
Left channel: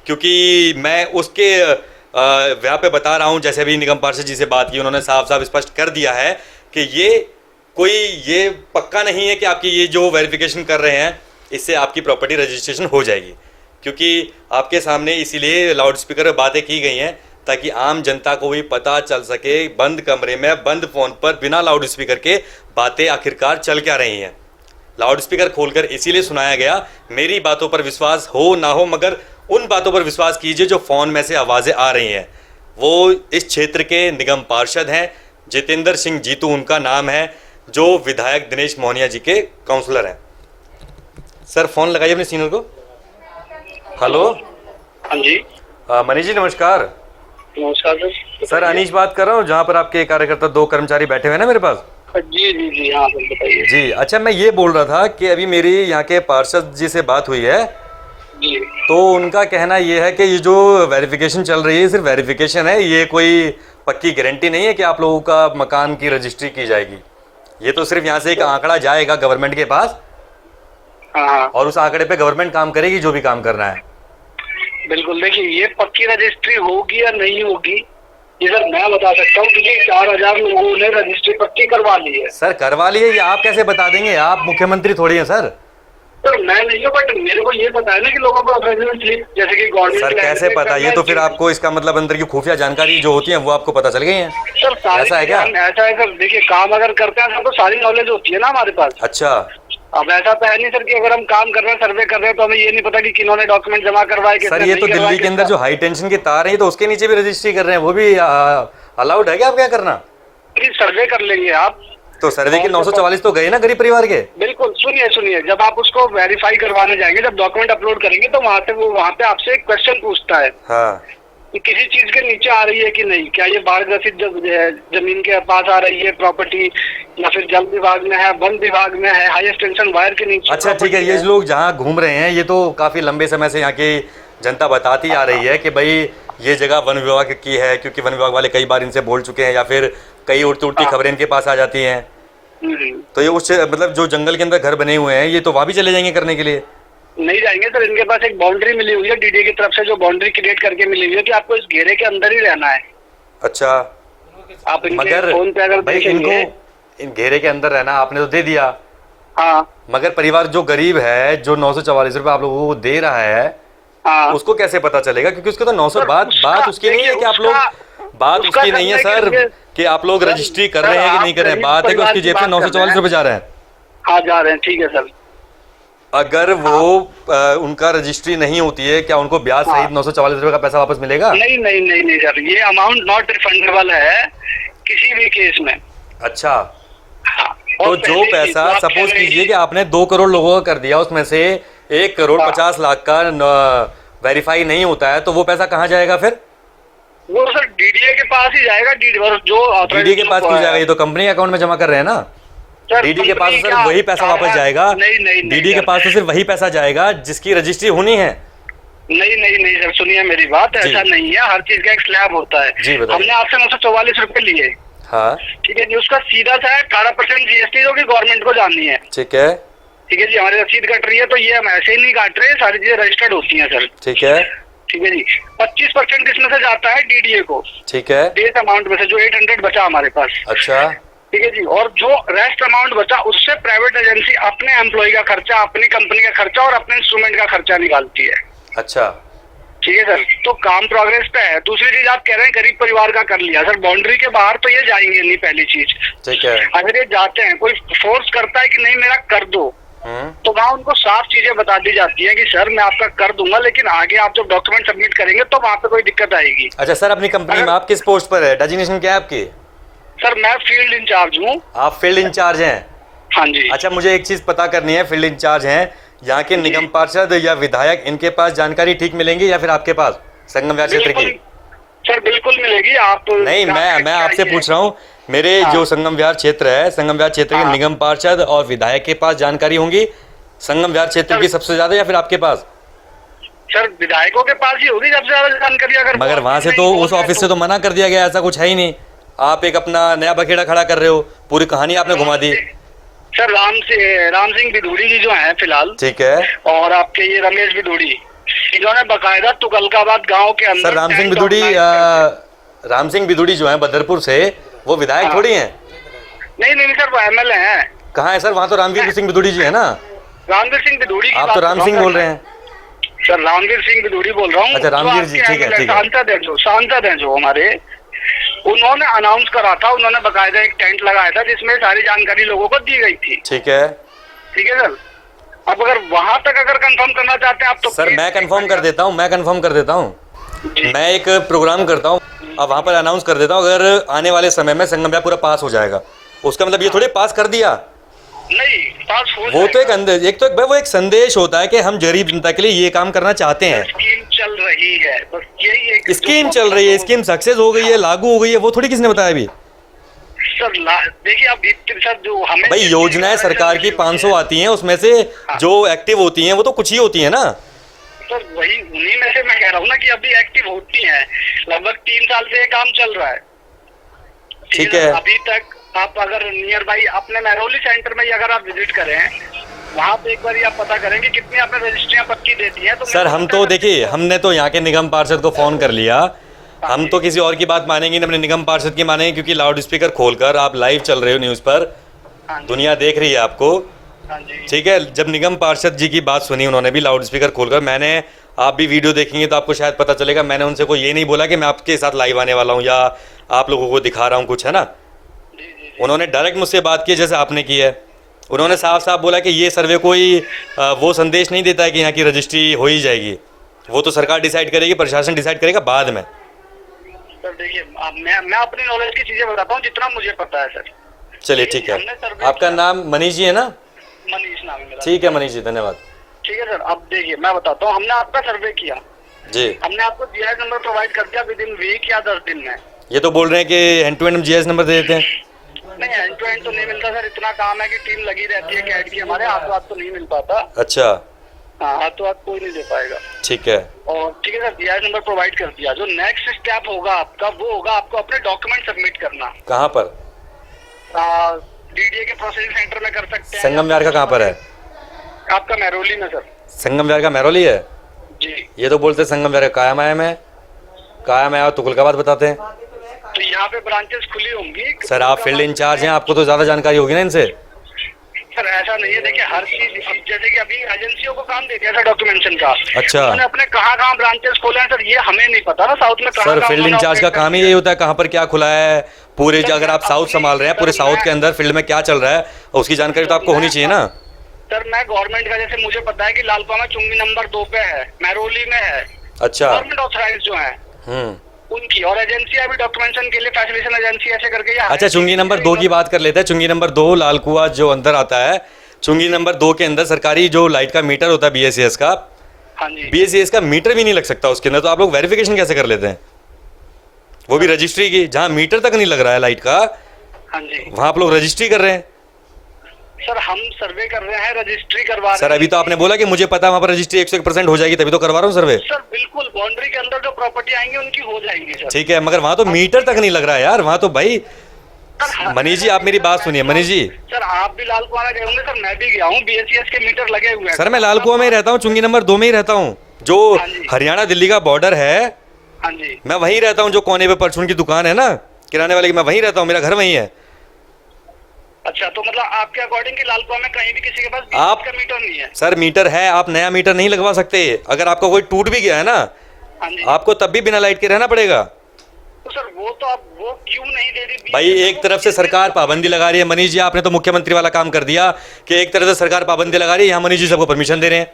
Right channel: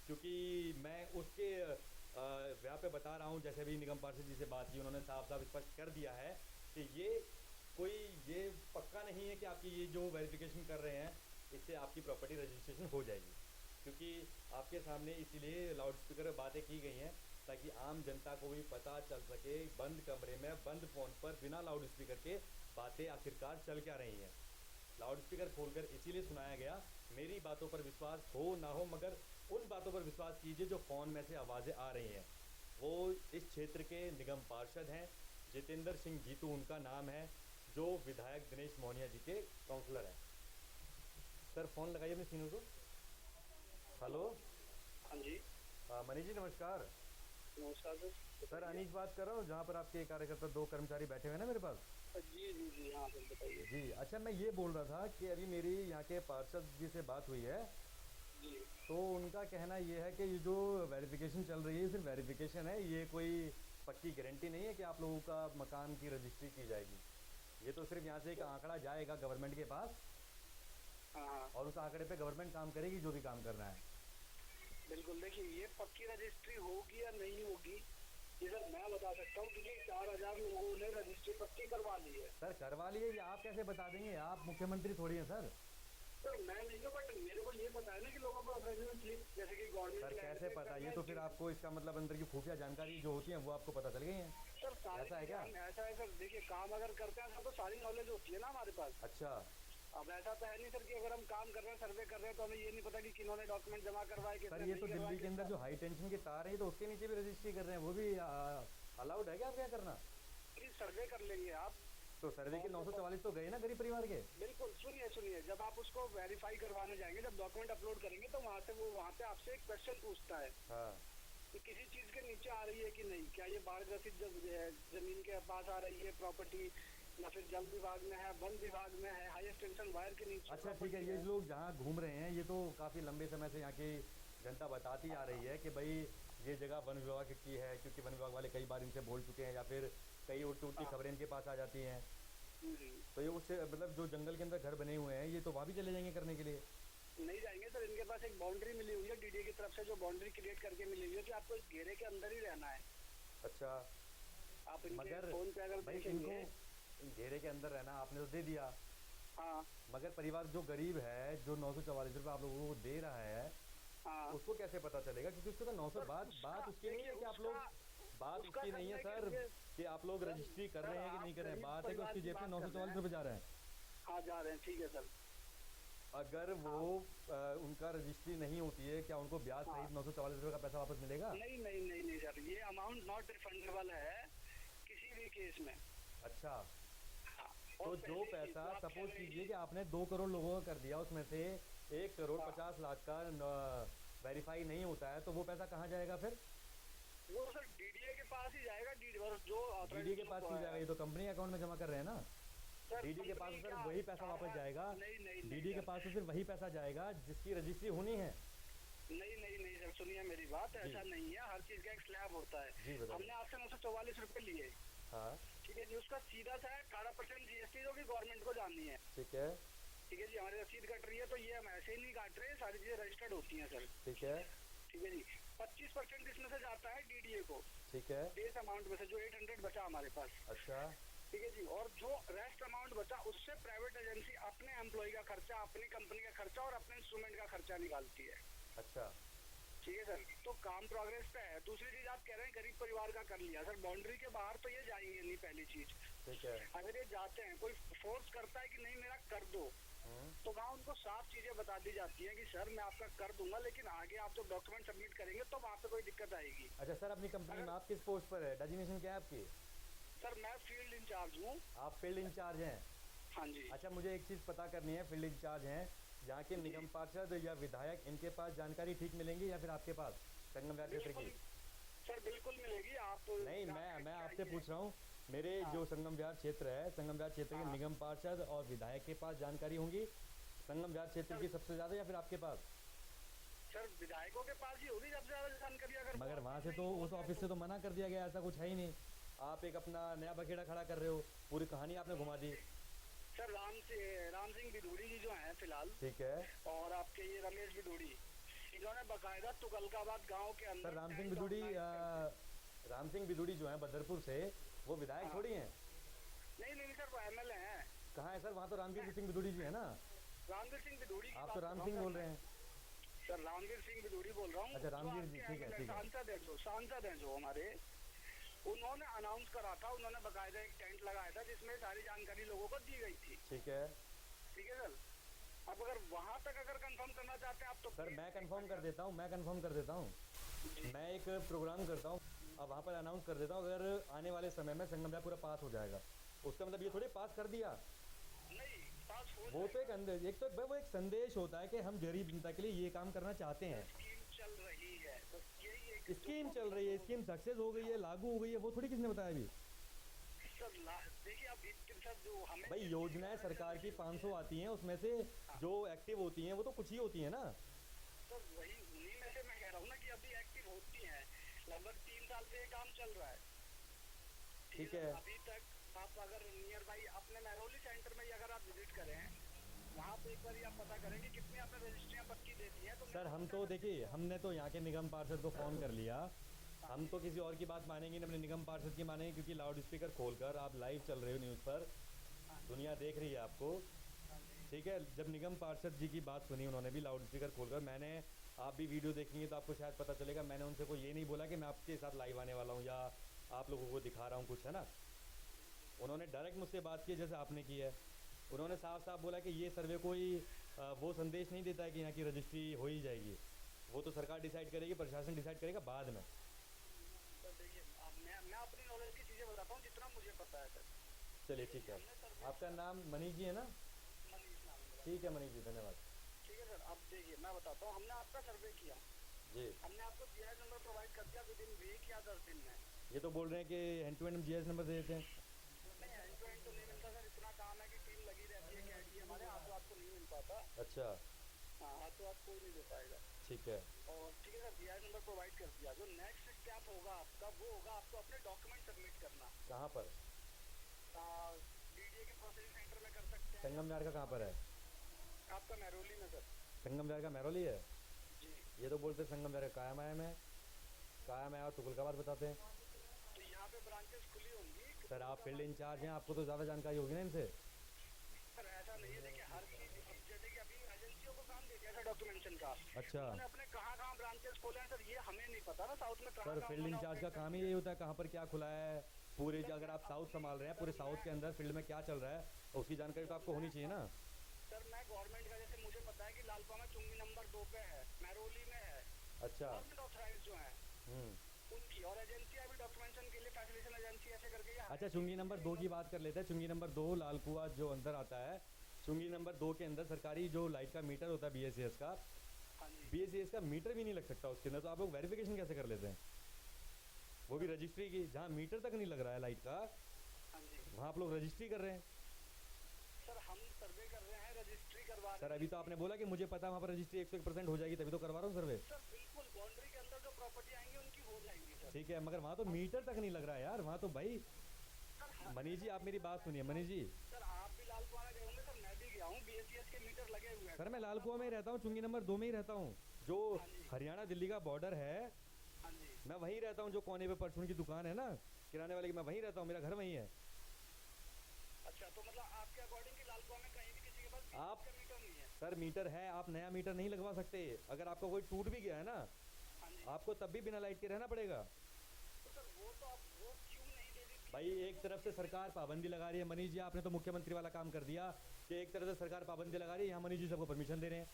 क्योंकि मैं उसके व्याह पे बता रहा हूँ। जैसे अभी निगम पार्षद जी से बात की, उन्होंने साफ साफ स्पष्ट कर दिया है कि ये पक्का नहीं है कि आपकी ये जो वेरिफिकेशन कर रहे हैं इससे आपकी प्रॉपर्टी रजिस्ट्रेशन हो जाएगी, क्योंकि आपके सामने इसीलिए लाउड स्पीकर बातें की गई हैं ताकि आम जनता को भी पता चल सके बंद कमरे में बंद फोन पर बिना लाउड स्पीकर के बातें आखिरकार चल क्या रही हैं। लाउड स्पीकर खोलकर इसीलिए सुनाया गया, मेरी बातों पर विश्वास हो ना हो, मगर उन बातों पर विश्वास कीजिए जो फोन में से आवाज़ें आ रही हैं। वो इस क्षेत्र के निगम पार्षद हैं, जितेंद्र सिंह जीतू उनका नाम है, जो विधायक दिनेश मोहनिया जी के काउंसलर हैं। सर फोन लगाइए अपने सीनियर को। हेलो। हाँ जी मनीष जी नमस्कार। नमस्कार सर अनीश बात कर रहा हूँ, जहाँ पर आपके कार्यकर्ता 2 कर्मचारी बैठे हुए हैं ना मेरे पास। जी जी जी हाँ सर बताइए। जी अच्छा, मैं ये बोल रहा था कि अभी मेरी यहाँ के पार्षद जी से बात हुई है, जी तो उनका कहना ये है कि ये जो वेरिफिकेशन चल रही है सिर्फ वेरिफिकेशन है, ये कोई पक्की गारंटी नहीं है कि आप लोगों का मकान की रजिस्ट्री की जाएगी। ये तो सिर्फ यहाँ से एक आंकड़ा जाएगा गवर्नमेंट के पास, हाँ और उस आंकड़े पे गवर्नमेंट काम करेगी जो भी काम करना है। बिल्कुल। देखिए ये पक्की रजिस्ट्री होगी या नहीं होगी ये सर मैं बता सकता हूँ, क्योंकि 4000 लोगों ने रजिस्ट्री पक्की करवा ली है। सर करवा लिए, ये आप कैसे बता देंगे? आप मुख्यमंत्री थोड़ी हैं सर। सर मैं नहीं हूँ, बट मेरे को ये पता है ना कि लोगों को रेजिडेंट स्लिप जैसे कि गवर्नमेंट। सर कैसे पता? ये तो फिर आपको इसका मतलब अंदर की खुफिया जानकारी जो होती है वो आपको पता चल गई है। सर ऐसा है क्या? ऐसा है सर, देखिए काम अगर करते हैं तो सारी नॉलेज होती है ना हमारे पास। अच्छा। अब ऐसा तो है नहीं सर कि अगर हम काम कर रहे हैं, सर्वे कर रहे हैं, तो हमें ये नहीं पता कि किन्होंने डॉक्यूमेंट जमा करवाए। सर ये तो दिल्ली के अंदर जो हाई टेंशन के तार हैं तो उसके नीचे भी रजिस्ट्री कर रहे हैं, वो भी अलाउड है क्या? आप क्या करना? सर्वे कर लेंगे आप तो सर्वे के 944 तो गए ना गरीब परिवार के। बिल्कुल। सुनिए, जब आप उसको वेरीफाई करवाने जाएंगे, जब डॉक्यूमेंट अपलोड करेंगे, तो वहाँ पे आपसे एक क्वेश्चन पूछता है हाँ। कि किसी चीज के नीचे आ रही है कि नहीं, क्या ये बाढ़ ग्रसित जमीन के पास आ रही है प्रॉपर्टी, या फिर जल विभाग में है, वन विभाग में है, हाईएस्ट टेंशन वायर के नीचे। अच्छा ठीक है, ये लोग जहाँ घूम रहे हैं ये तो काफी लंबे समय से यहाँ की जनता बताती आ रही है कि भाई ये जगह वन विभाग की है, क्योंकि वन विभाग वाले कई बार इनसे बोल चुके हैं, या फिर कई उड़ती खबरें इनके पास आ जाती हैं। तो ये उस मतलब जो जंगल के अंदर घर बने हुए हैं ये तो वहाँ भी चले जाएंगे करने के लिए? नहीं जाएंगे सर, इनके पास एक बाउंड्री मिली हुई है डीडीए की तरफ से, जो बाउंड्री क्रिएट करके मिली हुई है कि आपको इस घेरे के अंदर ही रहना है। अच्छा। आप मगर फोन पे अगर भाई इनको इन घेरे के अंदर रहना आपने तो दे दिया, हाँ, मगर परिवार जो गरीब है, जो 944 रुपए आप लोगों को दे रहा है, हाँ, उसको कैसे पता चलेगा? क्योंकि उसको तो 900 बात उसकी नहीं है कि आप लोग, बात उसकी नहीं है सर कि आप लोग रजिस्ट्री कर रहे हैं कि नहीं कर रहे हैं, बात है कि उसकी जेब से 944 रुपए जा रहे हैं। हाँ जा रहे हैं, ठीक है सर। अगर वो उनका रजिस्ट्री नहीं होती है, क्या उनको ब्याज सहित 944 रुपए का पैसा वापस मिलेगा? नहीं सर, ये अमाउंट नॉट रिफंडेबल है किसी भी केस में। अच्छा। हाँ, तो जो पैसा सपोज कीजिए कि आपने 2 करोड़ लोगों का कर दिया, उसमें से 1 करोड़ 50 लाख का वेरीफाई नहीं होता है, तो वो पैसा कहाँ जाएगा फिर? वो सर डीडीए के पास ही जाएगा। डीडीए के पास क्यों जाएगा? ये तो कंपनी अकाउंट में जमा कर रहे हैं ना। डीडी के पास तो सिर्फ वही पैसा वापस जाएगा। डीडी के पास तो सिर्फ वही पैसा जाएगा जिसकी रजिस्ट्री होनी है। नहीं सर, सुनिए मेरी बात, ऐसा नहीं है। हर चीज का एक स्लैब होता है। जी बताइए। हमने आपसे 944 रुपए लिए, हाँ ठीक है जी, उसका सीधा सा है 18% जीएसटी जो कि गवर्नमेंट को जाननी है। ठीक है। ठीक है जी, हमारी रसीद कट रही है तो ये हम ऐसे ही नहीं काट रहे, सारी चीजें रजिस्टर्ड होती हैं सर। ठीक है। ठीक है जी। 25% इसमें से जाता है डीडीए को, ठीक है। बेस अमाउंट में से, जो 800 बचा हमारे पास। अच्छा। ठीक है जी। और जो रेस्ट अमाउंट बचा उससे प्राइवेट एजेंसी अपने एम्प्लॉय का खर्चा, अपनी कंपनी का खर्चा और अपने इंस्ट्रूमेंट का खर्चा निकालती है। अच्छा, ठीक है सर, तो काम प्रोग्रेस पे है। दूसरी चीज आप कह रहे हैं गरीब परिवार का कर लिया, सर बाउंड्री के बाहर तो ये जाएंगे नहीं, पहली चीज। ठीक है। अगर ये जाते हैं, कोई फोर्स करता है कि नहीं मेरा कर दो, तो वहाँ उनको साफ चीजें बता दी जाती हैं कि सर मैं आपका कर दूंगा, लेकिन आगे आप जब डॉक्यूमेंट सबमिट करेंगे तो वहाँ पे कोई दिक्कत आएगी। अच्छा सर, अपनी कंपनी में आप किस पोस्ट पर है, डेजिग्नेशन क्या है आपकी? सर मैं फील्ड इंचार्ज हूँ। आप फील्ड इंचार्ज हैं? हाँ जी। अच्छा, मुझे एक चीज पता करनी है, फील्ड इंचार्ज हैं, यहाँ के निगम पार्षद या विधायक इनके पास जानकारी ठीक मिलेंगी या फिर आपके पास संगम व्यार क्षेत्र की? सर बिल्कुल मिलेगी। आप नहीं, मैं आपसे पूछ रहा हूँ, मेरे जो संगम व्यार क्षेत्र है, संगम व्यार क्षेत्र के निगम पार्षद और विधायक के पास जानकारी होंगी संगम व्यार क्षेत्र की सबसे ज्यादा या फिर आपके पास? सर विधायकों के पास ही होगी सबसे ज्यादा जानकारी। अगर मगर वहां से तो उस ऑफिस से तो मना कर दिया गया, ऐसा कुछ है ही नहीं। आप एक अपना नया बखेड़ा खड़ा कर रहे हो, पूरी कहानी आपने घुमा दी। सर राम सिंह बिदूड़ी जी जो हैं फिलहाल, ठीक है, और आपके ये रमेश बिदूड़ी, इन्होंने बकायदा तुगलकाबाद गांव के अंदर सर राम सिंह बिदूड़ी जो है बदरपुर से, वो विधायक थोड़ी हैं। नहीं सर, वो एमएलए हैं। कहाँ है सर? वहाँ तो रामवीर सिंह बिदूड़ी जी है ना। रामवीर सिंह बिदूड़ी, आप तो राम सिंह बोल रहे हैं। सर रामवीर सिंह बिदूड़ी बोल रहा हूँ। अच्छा, रामवीर जी, ठीक है, ठीक है। सांसद हैं जो हमारे, उन्होंने अनाउंस करा था, उन्होंने बकायदा एक टेंट लगाया था जिसमें सारी जानकारी लोगों को दी गई थी। ठीक है, ठीक है सर। अब अगर वहां तक अगर कंफर्म करना चाहते हैं आप तो सर मैं कंफर्म कर देता हूँ, मैं एक प्रोग्राम करता हूँ, अब वहाँ पर अनाउंस कर देता हूँ, अगर आने वाले समय में संगम व्यार पूरा पास हो जाएगा, उसका मतलब ये थोड़ी पास कर दिया। नहीं, पास हो वो तो एक तो वो एक संदेश होता है कि हम गरीब जनता के लिए ये काम करना चाहते हैं। स्कीम चल रही है, बस यही एक स्कीम चल रही है, स्कीम सक्सेस हो गई है, लागू हो गई है, वो थोड़ी किसने बताया अभी? सर देखिए अब सर जो हमें भाई योजनाएं सरकार की 500 आती हैं, उसमें से जो एक्टिव होती हैं वो तो कुछ ही होती है ना। सर वही उन्हीं में से मैं कह रहा हूँ ना कि अभी एक्टिव होती हैं, लगभग 3 साल से ये काम चल रहा है। ठीक है। अभी तक आप अगर नियर बाई अपने महरौली सेंटर में अगर आप विजिट करें, वहाँ पे एक बार आप पता करें कि कितनी आपने रजिस्ट्रियां पक्की देती हैं। तो सर हम तो देखिए, हमने तो यहाँ के निगम पार्षद को फोन कर लिया, हम तो किसी और की बात मानेंगे, अपने निगम पार्षद की मानेंगे, क्योंकि लाउड स्पीकर खोलकर आप लाइव चल रहे हो न्यूज़ पर, दुनिया देख रही है आपको। ठीक है, जब निगम पार्षद जी की बात सुनी उन्होंने भी लाउड स्पीकर खोलकर, मैंने, आप भी वीडियो देखेंगे तो आपको शायद पता चलेगा, मैंने उनसे कोई ये नहीं बोला कि मैं आपके साथ लाइव आने वाला हूँ या आप लोगों को दिखा रहा हूँ कुछ, है ना। उन्होंने डायरेक्ट मुझसे बात की जैसे आपने की है। उन्होंने साफ साफ बोला कि ये सर्वे कोई वो संदेश नहीं देता है कि यहाँ की रजिस्ट्री हो ही जाएगी, वो तो सरकार डिसाइड करेगी, प्रशासन डिसाइड करेगा बाद में। सर देखिए मैं अपनी नॉलेज की चीजें बताता हूँ जितना मुझे पता है सर। चलिए ठीक है, आपका नाम मनीष जी है ना? मनीष नाम है मेरा। ठीक है मनीष जी, धन्यवाद। ठीक है सर, अब देखिए मैं बताता हूँ, हमने आपका सर्वे किया जी, हमने आपको जीआईएस नंबर प्रोवाइड कर दिया विद इन वीक या 10 दिन में। ये तो बोल रहे हैं कि end to end GS number दे देते हैं। नहीं, एंड टू एंड तो नहीं मिलता सर, इतना काम है कि टीम लगी रहती है कैड की, हमारे हाथों हाथ तो नहीं मिल पाता। अच्छा, हाँ, हाथों हाथ कोई नहीं दे पाएगा। ठीक है, और ठीक है सर, जीआईएस नंबर प्रोवाइड कर दिया। जो नेक्स्ट स्टेप होगा आपका, वो होगा आपको अपने डॉक्यूमेंट सबमिट करना। कहाँ पर? डीडीए के प्रोसेसिंग सेंटर में कर सकते हैं। संगम व्यार का कहाँ पर है? आपका महरौली में सर। संगम व्यार का महरौली है जी। ये तो बोलते संगम व्यार का कायम है, कायम है, तुगलकाबाद बताते हैं। तो यहाँ पे ब्रांचेस खुली होंगी। सर आप फील्ड इंचार्ज हैं, आपको तो ज्यादा जानकारी होगी ना इनसे। सर ऐसा नहीं है, देखिए हर चीज, जैसे कि अभी एजेंसियों को काम दे दिया था डॉक्यूमेंटेशन का। अच्छा, उन्होंने अपने कहाँ ब्रांचेस खोले हैं सर, ये हमें नहीं पता ना साउथ में सर फील्ड इंचार्ज का काम ही यही होता है, कहाँ पर क्या खुला है पूरे, अगर आप साउथ संभाल रहे हैं, पूरे साउथ के अंदर फील्ड में क्या चल रहा है उसकी जानकारी तो आपको होनी चाहिए ना। सर मैं गवर्नमेंट का, जैसे मुझे पता है कि लालपा में चुंगी नंबर 2 पे है, महरौली में है। अच्छा, गवर्नमेंट ऑथराइज जो है उनकी, और एजेंसी अभी डॉक्यूमेंटेशन के लिए फैसिलिटेशन एजेंसी ऐसे करके। अच्छा, चुंगी नंबर 2 की बात कर लेते हैं। चुंगी नंबर 2 लालकुआ जो अंदर आता है, चुंगी नंबर 2 के अंदर सरकारी जो लाइट का मीटर होता है बीएसईएस का, हाँ जी, बीएसईएस का मीटर भी नहीं लग सकता उसके अंदर, तो आप लोग वेरिफिकेशन कैसे कर लेते हैं? वो भी रजिस्ट्री की, जहाँ मीटर तक नहीं लग रहा है लाइट का, हाँ जी, वहाँ आप लोग रजिस्ट्री कर रहे हैं। सर हम सर्वे कर रहे हैं, रजिस्ट्री करवा रहे हैं। सर अभी तो आपने बोला कि मुझे पता है वहाँ पर रजिस्ट्री 101% हो जाएगी, तभी तो करवा रहा हूँ सर्वे। सर बिल्कुल, बाउंड्री के अंदर जो प्रॉपर्टी आएंगी उनकी हो जाएंगी सर। ठीक है, मगर वहाँ तो मीटर तक नहीं लग रहा है यार, वहाँ तो भाई। मनीष जी आप मेरी बात सुनिए, मनीष जी। सर आप भी लाल कुआं गए होंगे सर, मैं भी गया हूँ, बीएसईएस के मीटर लगे हुए हैं। सर मैं लाल कुआं में ही रहता हूँ, चुंगी नंबर 2 में ही रहता हूँ, जो हरियाणा दिल्ली का बॉर्डर है। हाँ जी, मैं वहीं रहता हूँ, जो कोने पे परचून की दुकान है ना किराने वाले की, मैं वहीं रहता हूँ, मेरा घर वहीं है। अच्छा, तो मतलब आपके अकॉर्डिंग कि लालपुरा में कहीं भी किसी के पास आप- का मीटर नहीं है? सर मीटर है, आप नया मीटर नहीं लगवा सकते। अगर आपका कोई टूट भी गया है ना, हाँ जी। आपको तब भी बिना लाइट के रहना पड़ेगा। तो सर वो तो आप वो क्यों नहीं दे रही? भाई एक तरफ से सरकार पाबंदी लगा रही है। मनीष जी आपने तो मुख्यमंत्री वाला काम कर दिया कि एक तरफ से सरकार पाबंदी लगा रही है, यहाँ मनीष जी सबको परमिशन दे रहे हैं।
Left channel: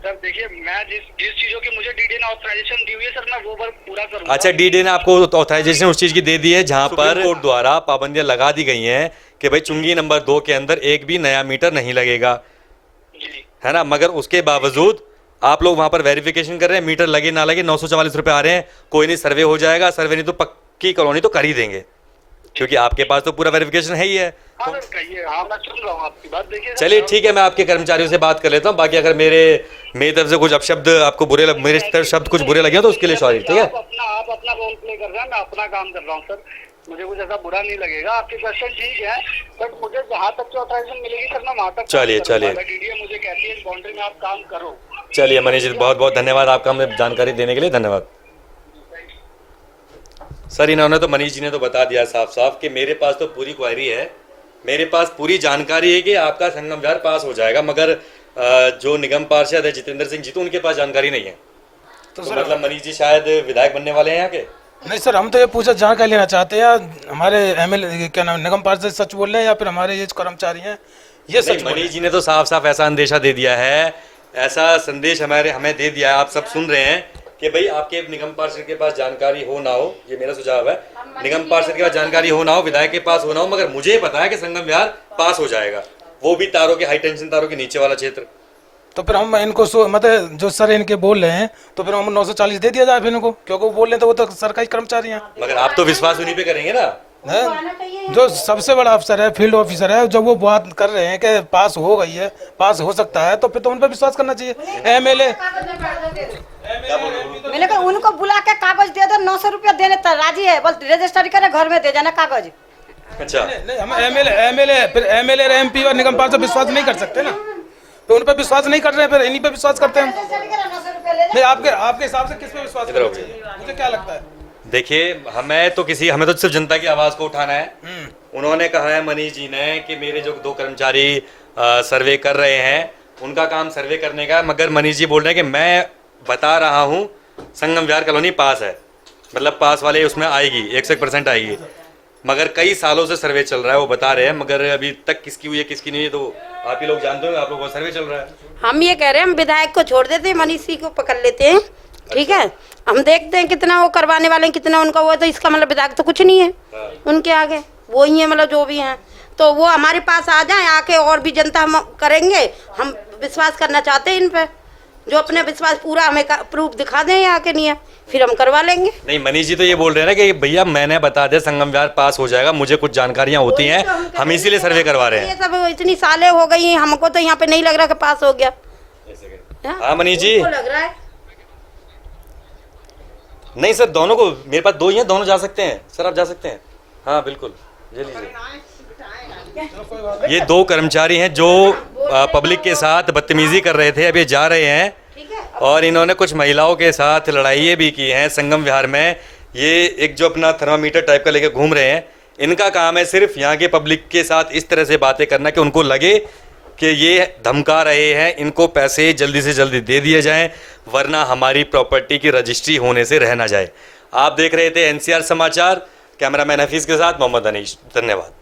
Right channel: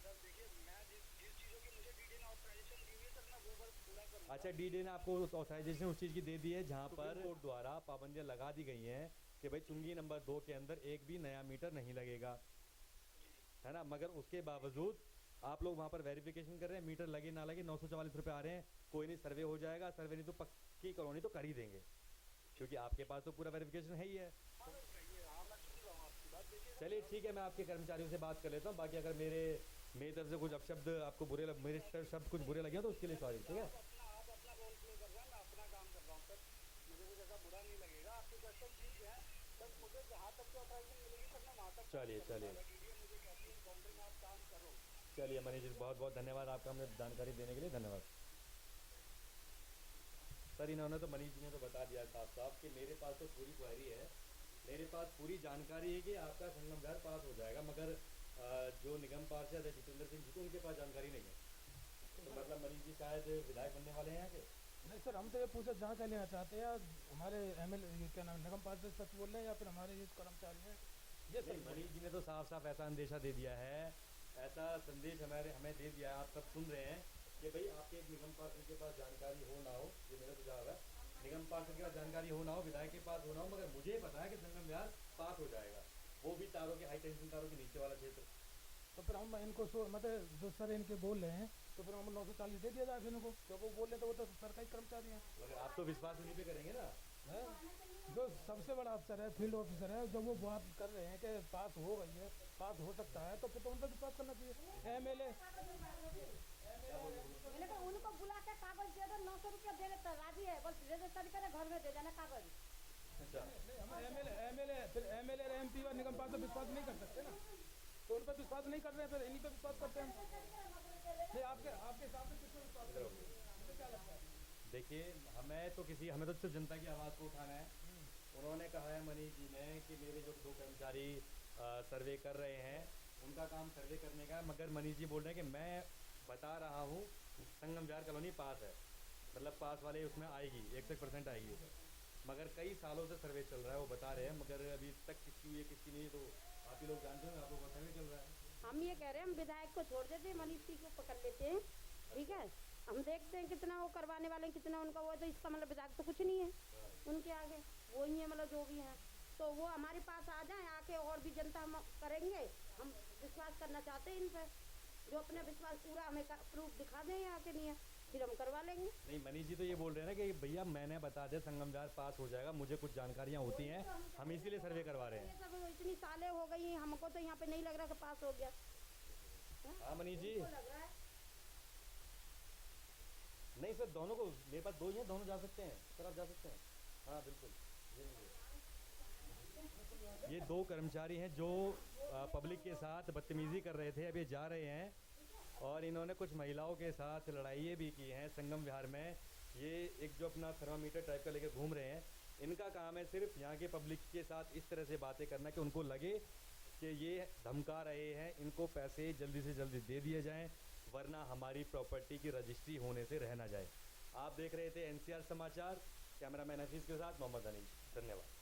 सर देखिए, मैं जिस चीजों की मुझे डीडी ने ऑथराइजेशन दी हुई है सर, मैं वो वर्क पूरा करूंगा। अच्छा, डीडी ने आपको ऑथराइजेशन उस चीज की दे दी है जहां पर कोर्ट द्वारा पाबंदियां लगा दी गई हैं कि भाई चुंगी नंबर 2 के अंदर एक भी नया मीटर नहीं लगेगा, जी। है ना। मगर उसके बावजूद आप लोग वहां पर वेरिफिकेशन कर रहे हैं, मीटर लगे ना लगे 944 रुपए आ रहे हैं। कोई नहीं, सर्वे हो जाएगा, सर्वे नहीं तो पक्की कॉलोनी तो कर ही देंगे, क्योंकि आपके पास तो पूरा वेरिफिकेशन है ही है। हाँ सर कहिए, हाँ मैं सुन रहा हूँ आपकी बात। देखिए सर, चलिए ठीक है, मैं आपके कर्मचारियों से बात कर लेता हूँ। बाकी अगर मेरी तरफ से कुछ अपशब्द आपको मेरे तरफ शब्द कुछ बुरे लगे तो उसके लिए सॉरी, ठीक है। आप अपना रोल प्ले कर रहे हैं, मैं अपना काम कर रहा हूँ सर। मुझे कुछ ऐसा बुरा नहीं लगेगा। आपके क्वेश्चन ठीक है, बट मुझे जहाँ तक की ऑथराइजेशन मिलेगी सर मैं वहाँ तक चलिए। डीडीए मुझे कहती है इस बाउंड्री में आप काम करो। चलिए मनीष जी, बहुत बहुत धन्यवाद आपका हमें जानकारी देने के लिए, धन्यवाद। सर इन्होंने तो, मनीष जी ने तो बता दिया साफ साफ कि मेरे पास तो पूरी क्वायरी है, मेरे पास पूरी जानकारी है कि आपका संगम विहार पास हो जाएगा, मगर जो निगम पार्षद है जितेंद्र सिंह जी, तो उनके पास जानकारी नहीं है। तो मतलब मनीष जी शायद विधायक बनने वाले हैं यहाँ के? नहीं सर, हम तो ये पूछा जानकारी लेना चाहते हैं, हमारे एमएलए क्या नाम निगम पार्षद सच बोल रहे हैं या फिर हमारे ये कर्मचारी हैं ये सच बोल रहे हैं? मनीष जी ने तो साफ साफ ऐसा अंदेशा दे दिया है, ऐसा संदेश हमें दे दिया है, आप सब सुन रहे हैं कि भाई आपके निगम पार्षद के पास जानकारी हो ना हो, ये मेरा सुझाव है, निगम पार्षद के पास जानकारी हो ना हो, विधायक के पास हो ना हो, मगर मुझे पता है कि संगम विहार पास हो जाएगा, वो भी तारों के, हाई टेंशन तारों के नीचे वाला क्षेत्र। तो फिर हम इनको मतलब जो सर इनके बोल रहे हैं तो फिर हम 940 दे दिया जाए फिर इनको, क्योंकि वो बोल रहे हैं तो वो तो सरकारी कर्मचारी हैं। मगर आप तो विश्वास उन्हीं पे करेंगे ना। हैं? जो सबसे बड़ा अफसर है, फील्ड ऑफिसर है, जब वो बात कर रहे हैं कि पास हो गई है, पास हो सकता है, तो फिर तो उन पर विश्वास करना चाहिए। एमएलए मैंने कहा उनको बुला के कागज दे दो, 900 रुपया देने तो राजी है, बस रजिस्ट्री करे घर में दे जाना कागज। अच्छा, नहीं, हम एमएलए फिर एमएलए और एमपी और निगम पार्षद विश्वास नहीं कर सकते ना, तो उन पर विश्वास नहीं कर रहे हैं, फिर इन्हीं पे विश्वास करते हैं। नहीं, आपके हिसाब से किस पे विश्वास करना चाहिए, मुझे क्या लगता है? देखिए हमें तो सिर्फ जनता की आवाज को उठाना है। उन्होंने कहा है मनीष जी ने कि मेरे जो 2 कर्मचारी सर्वे कर रहे हैं, उनका काम सर्वे करने का, मगर मनीष जी बोल रहे हैं कि मैं बता रहा हूँ संगम विहार कॉलोनी पास है, मतलब पास वाले उसमें आएगी, 100% आएगी, मगर कई सालों से सर्वे चल रहा है, वो बता रहे हैं, मगर अभी तक किसकी हुई है किसकी नहीं है तो आप ही लोग जानते हो, आप लोगों का सर्वे चल रहा है। हम ये कह रहे हैं हम विधायक को छोड़ देते हैं, मनीष सिंह को पकड़ लेते हैं, ठीक है। हम देखते हैं कितना वो करवाने वाले हैं, कितना उनका वो है, तो इसका मतलब विधायक तो कुछ नहीं है उनके आगे, वो ही है मतलब जो भी हैं, तो वो हमारे पास आ जाएं, आके और भी जनता हम करेंगे। हम विश्वास करना चाहते हैं इन पे, जो अपने विश्वास पूरा हमें प्रूफ दिखा दें आके, नहीं है फिर हम करवा लेंगे। नहीं, मनीष जी तो ये बोल रहे हैं ना कि भैया मैंने बता दिया संगम विहार पास हो जाएगा, मुझे कुछ जानकारियां होती हैं, हम इसीलिए सर्वे करवा रहे हैं। ये सब इतनी सालें हो गई हैं, हमको तो यहाँ पे नहीं लग रहा कि पास हो गया। हाँ मनीष जी, लग रहा है नहीं सर, दोनों को, मेरे पास 2 ही हैं, दोनों जा सकते हैं सर, आप जा सकते हैं। हाँ बिल्कुल, ये लीजिए। ये 2 कर्मचारी हैं जो पब्लिक के साथ बदतमीजी कर रहे थे, अब ये जा रहे हैं, और इन्होंने कुछ महिलाओं के साथ लड़ाइयाँ भी की हैं संगम विहार में। ये एक जो अपना थर्मामीटर टाइप का लेके घूम रहे हैं, इनका काम है सिर्फ यहाँ के पब्लिक के साथ इस तरह से बातें करना कि उनको लगे कि ये धमका रहे हैं, इनको पैसे जल्दी से जल्दी दे दिए जाएं, वरना हमारी प्रॉपर्टी की रजिस्ट्री होने से रह ना जाए। आप देख रहे थे NCR समाचार, कैमरामैन हफीज़ के साथ मोहम्मद अनीश, धन्यवाद।